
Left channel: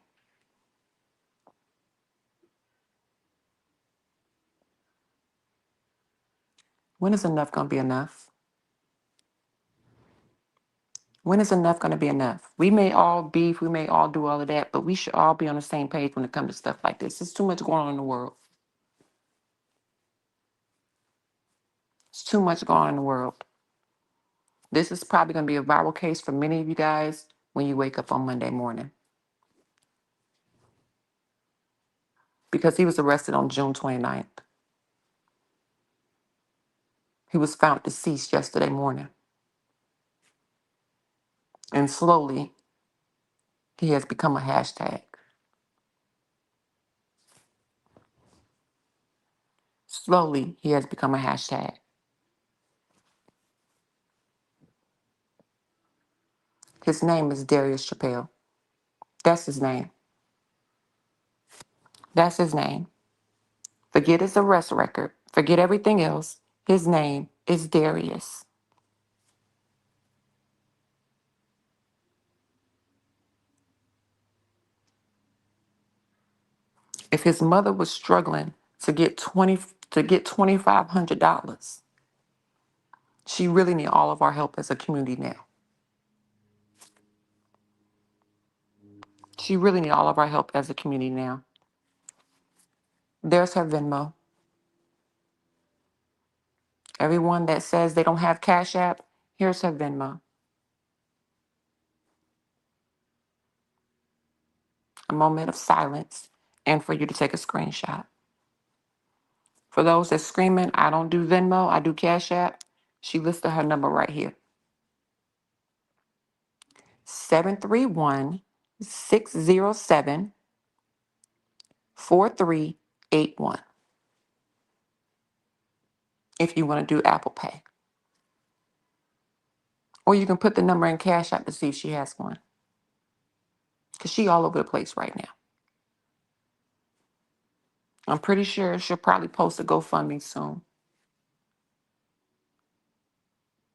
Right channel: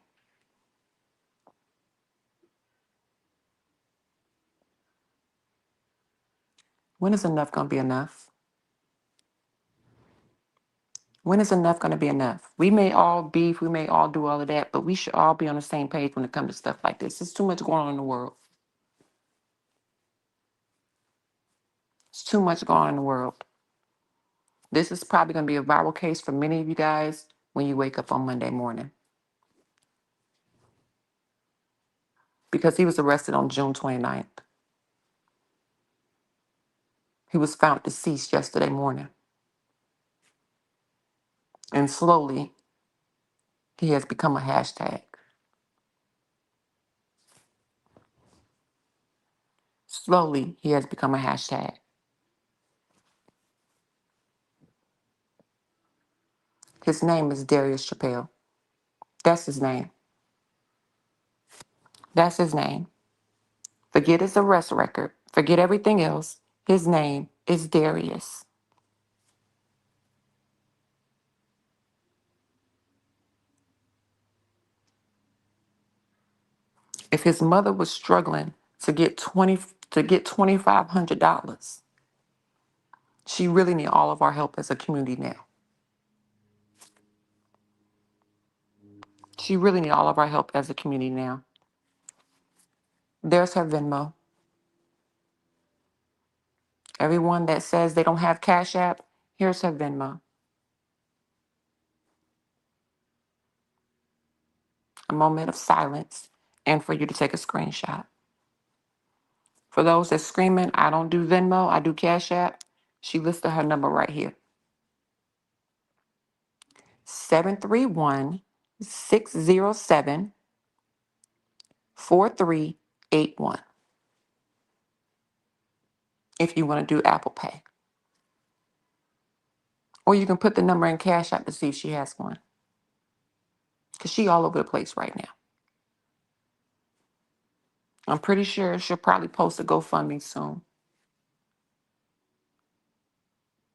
When is enough going to be enough? When is enough going to be enough? We may all beef, we may all do all of that, but we should all be on the same page when it comes to stuff like this. There's too much going on in the world. It's too much going on in the world. This is probably going to be a viral case for many of you guys when you wake up on Monday morning. Because he was arrested on June 29th. He was found deceased yesterday morning. And slowly, he has become a hashtag. Slowly, he has become a hashtag. His name is Darius Chappell. That's his name. That's his name. Forget his arrest record. Forget everything else. His name is Darius. If his mother was struggling to get $2,500, she really need all of our help as a community now. She really need all of our help as a community now. There's her Venmo. Everyone that says they don't have Cash App, here's her Venmo. A moment of silence and for you to take a screenshot. For those that's screaming, I don't do Venmo, I do Cash App, she listed her number right here. 731-607-4381. If you want to do Apple Pay. Or you can put the number in Cash App to see if she has one. Because she all over the place right now. I'm pretty sure she'll probably post a GoFundMe soon.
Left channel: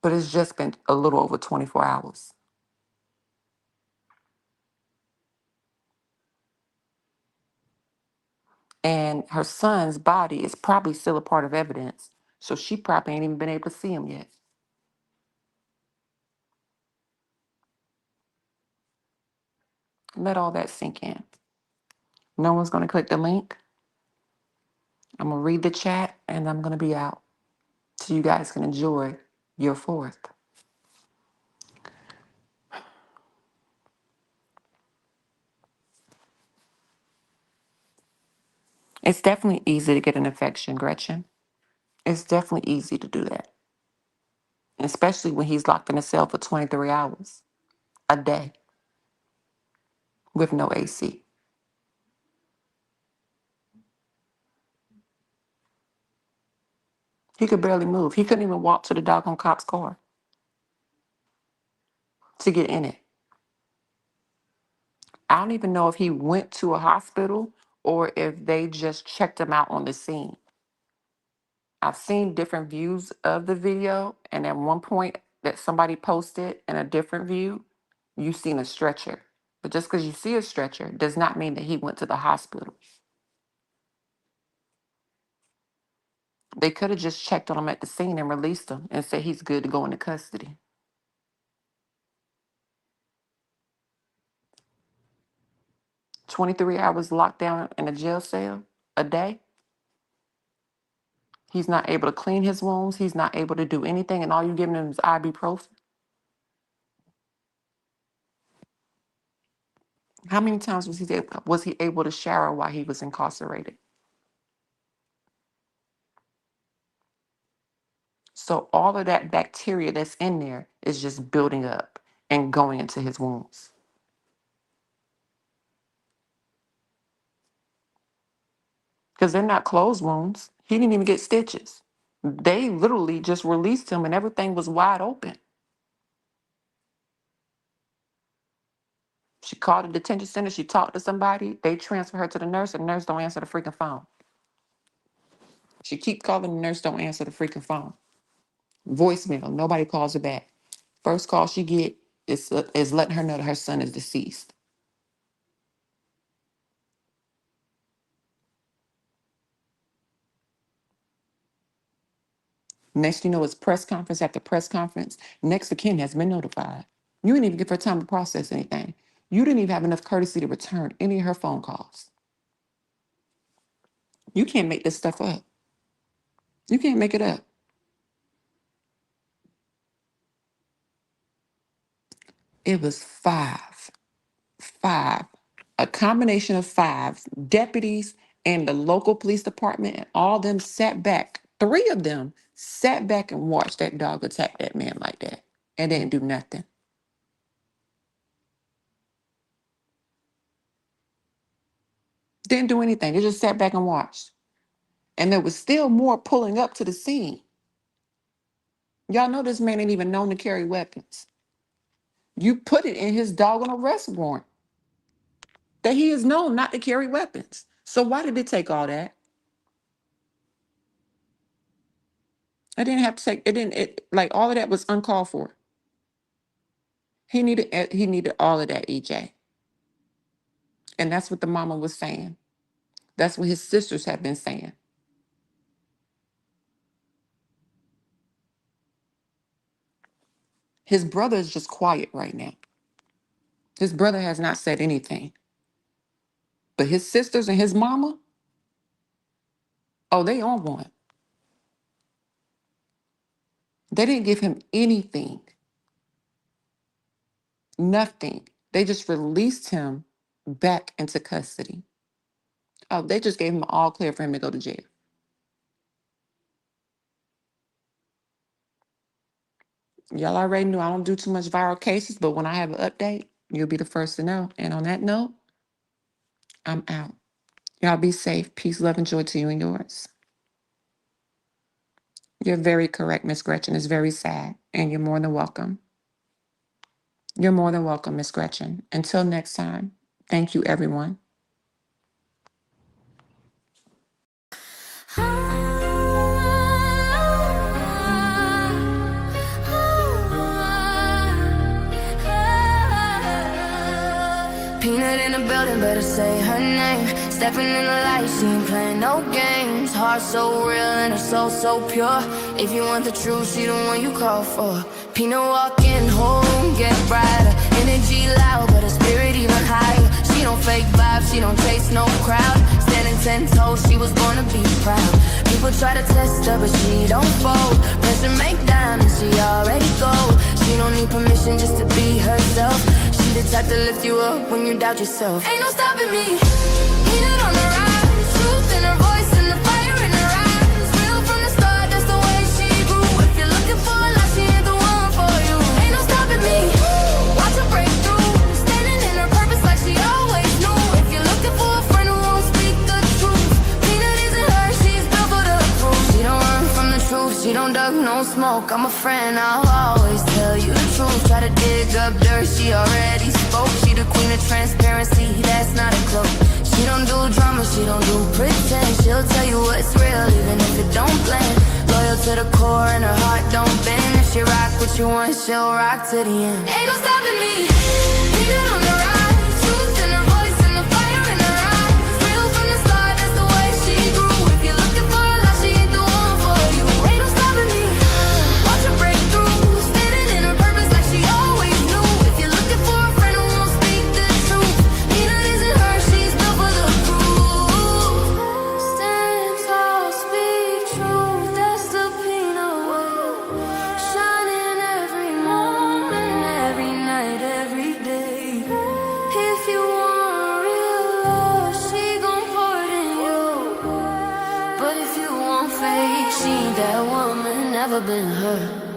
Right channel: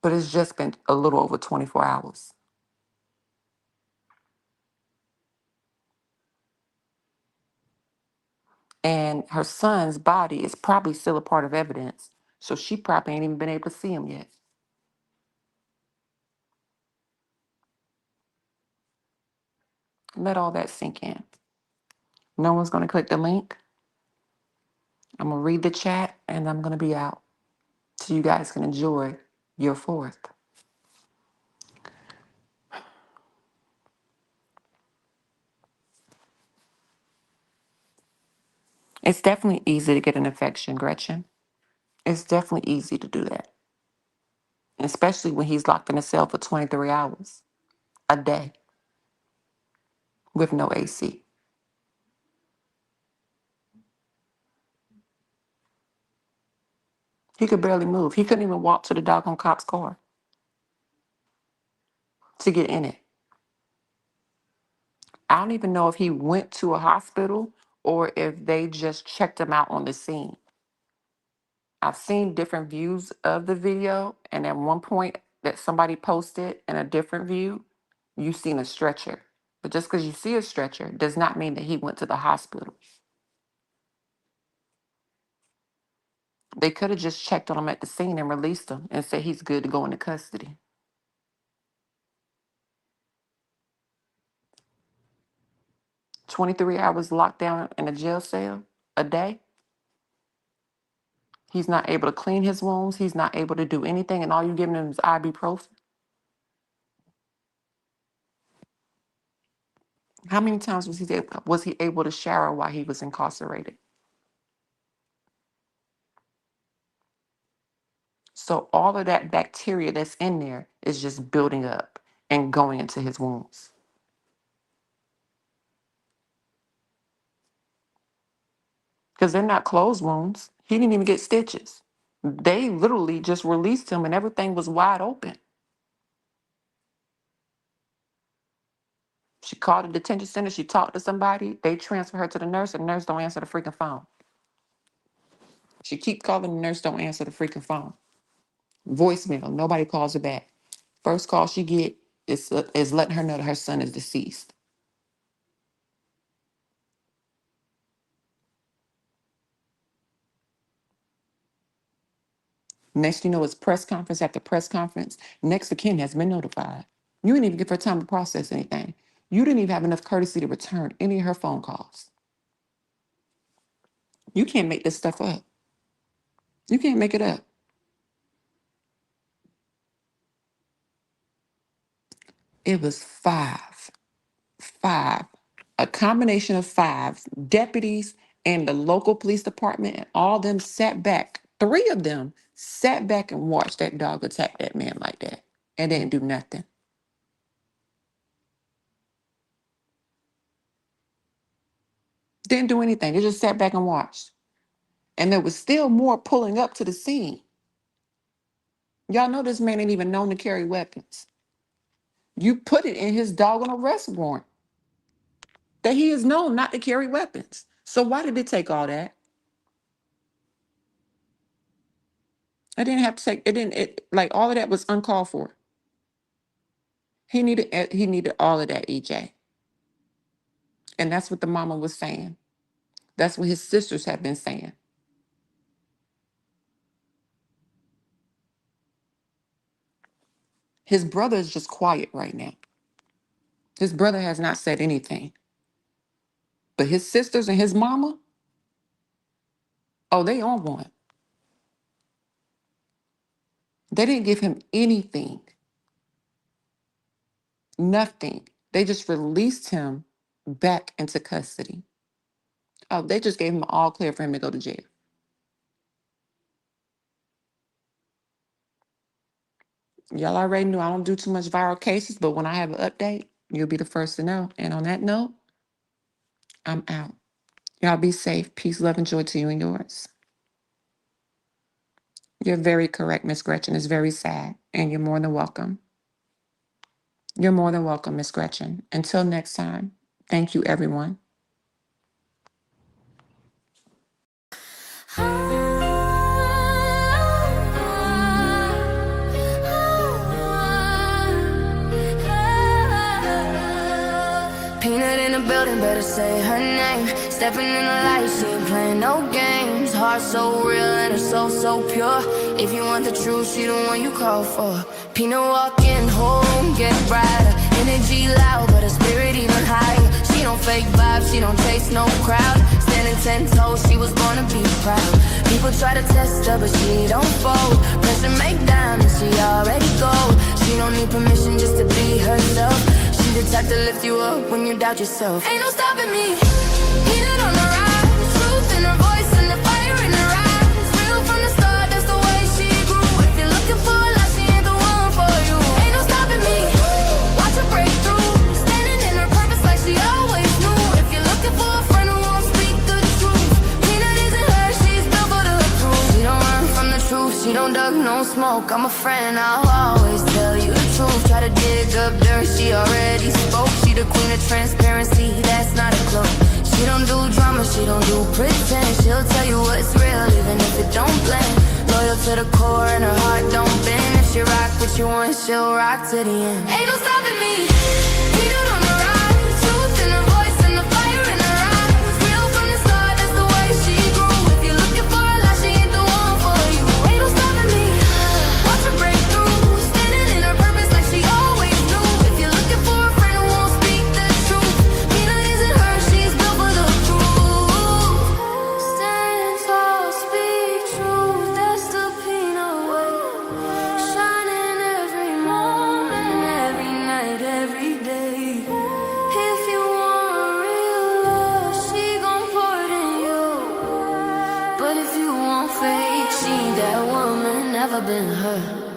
But it's just been a little over 24 hours. And her son's body is probably still a part of evidence. So she probably ain't even been able to see him yet. Let all that sink in. No one's going to click the link. I'm going to read the chat and I'm going to be out. So you guys can enjoy your 4th. It's definitely easy to get an infection, Gretchen. It's definitely easy to do that. Especially when he's locked in a cell for 23 hours a day with no AC. He could barely move. He couldn't even walk to the doggone cop's car to get in it. I don't even know if he went to a hospital or if they just checked him out on the scene. I've seen different views of the video, and at one point that somebody posted in a different view, you've seen a stretcher. But just because you see a stretcher does not mean that he went to the hospital. They could have just checked on him at the scene and released him and said he's good to go into custody. 23 hours locked down in a jail cell a day. He's not able to clean his wounds. He's not able to do anything, and all you're giving him is ibuprofen. How many times was he able to shower while he was incarcerated? So all of that bacteria that's in there is just building up and going into his wounds. Because they're not closed wounds. He didn't even get stitches. They literally just released him and everything was wide open. She called the detention center. She talked to somebody. They transfer her to the nurse, and the nurse don't answer the freaking phone. She keeps calling, the nurse don't answer the freaking phone. Voicemail, nobody calls her back. First call she get is letting her know that her son is deceased. Next you know, it's press conference after press conference. Next of kin has been notified. You didn't even give her time to process anything. You didn't even have enough courtesy to return any of her phone calls. You can't make this stuff up. You can't make it up. It was five, a combination of five deputies and the local police department, and all them sat back. Three of them sat back and watched that dog attack that man like that and didn't do nothing. Didn't do anything. They just sat back and watched. And there was still more pulling up to the scene. Y'all know this man ain't even known to carry weapons. You put it in his doggone arrest warrant that he is known not to carry weapons. So why did it take all that? I didn't have to take it. Like all of that was uncalled for. He needed all of that, EJ. And that's what the mama was saying. That's what his sisters have been saying. His brother is just quiet right now. His brother has not said anything. But his sisters and his mama, oh, they on one. They didn't give him anything. Nothing. They just released him back into custody. Oh, they just gave him all clear for him to go to jail. Y'all already knew I don't do too much viral cases, but when I have an update, you'll be the first to know. And on that note, I'm out. Y'all be safe. Peace, love, and joy to you and yours. You're very correct, Miss Gretchen. It's very sad, and you're more than welcome. You're more than welcome, Miss Gretchen. Until next time, thank you, everyone. Peanut in the building, better say her name. Stepping in the light, she ain't playing no games. Heart so real and her soul so pure. If you want the truth, she the one you call for. Peanut walking, whole room get brighter. Energy loud, but her spirit even higher. She don't fake vibes, she don't chase no crowd. Standing 10 toes, she was born to be proud. People try to test her, but she don't fold. Pressure make diamonds, she already gold. She don't need permission just to be herself. She the type to lift you up when you doubt yourself. Ain't no stopping me. Peanut on the rise, truth in her voice and the fire in her eyes. Real from the start, that's the way she grew. If you're looking for a lot, she ain't the one for you. Ain't no stopping me. Watch her break through, standing in her purpose like she always knew. If you're looking for a friend who won't speak the truth, Peanut isn't her, she's built for the proof. She don't run from the truth, She don't duck no smoke, I'm a friend, I'll always tell you the truth. Try to dig up dirt, she already spoke. She the queen of transparency, that's not a cloak. She don't do drama, she don't do pretend. She'll tell you what's real, even if it don't blend. Loyal to the core and her heart don't bend. If she rock what you want, she'll rock to the end. Ain't no stopping me, Peanut on the rise. Truth in her voice and the fire in her eyes. Real from the start, that's the way she grew. If you're looking for a lie, she ain't the one for you. Ain't no stopping me, watch her break through. Standing in her purpose like she always knew. If you're looking for a friend who won't speak the truth, Peanut isn't her, she's built for the crew. Stand tall, speak truth, that's the Peanut way. Shining every morning, every night, every day. If you want real love, she gon' pour it in you. But if you want fake, she ain't that woman, never been her.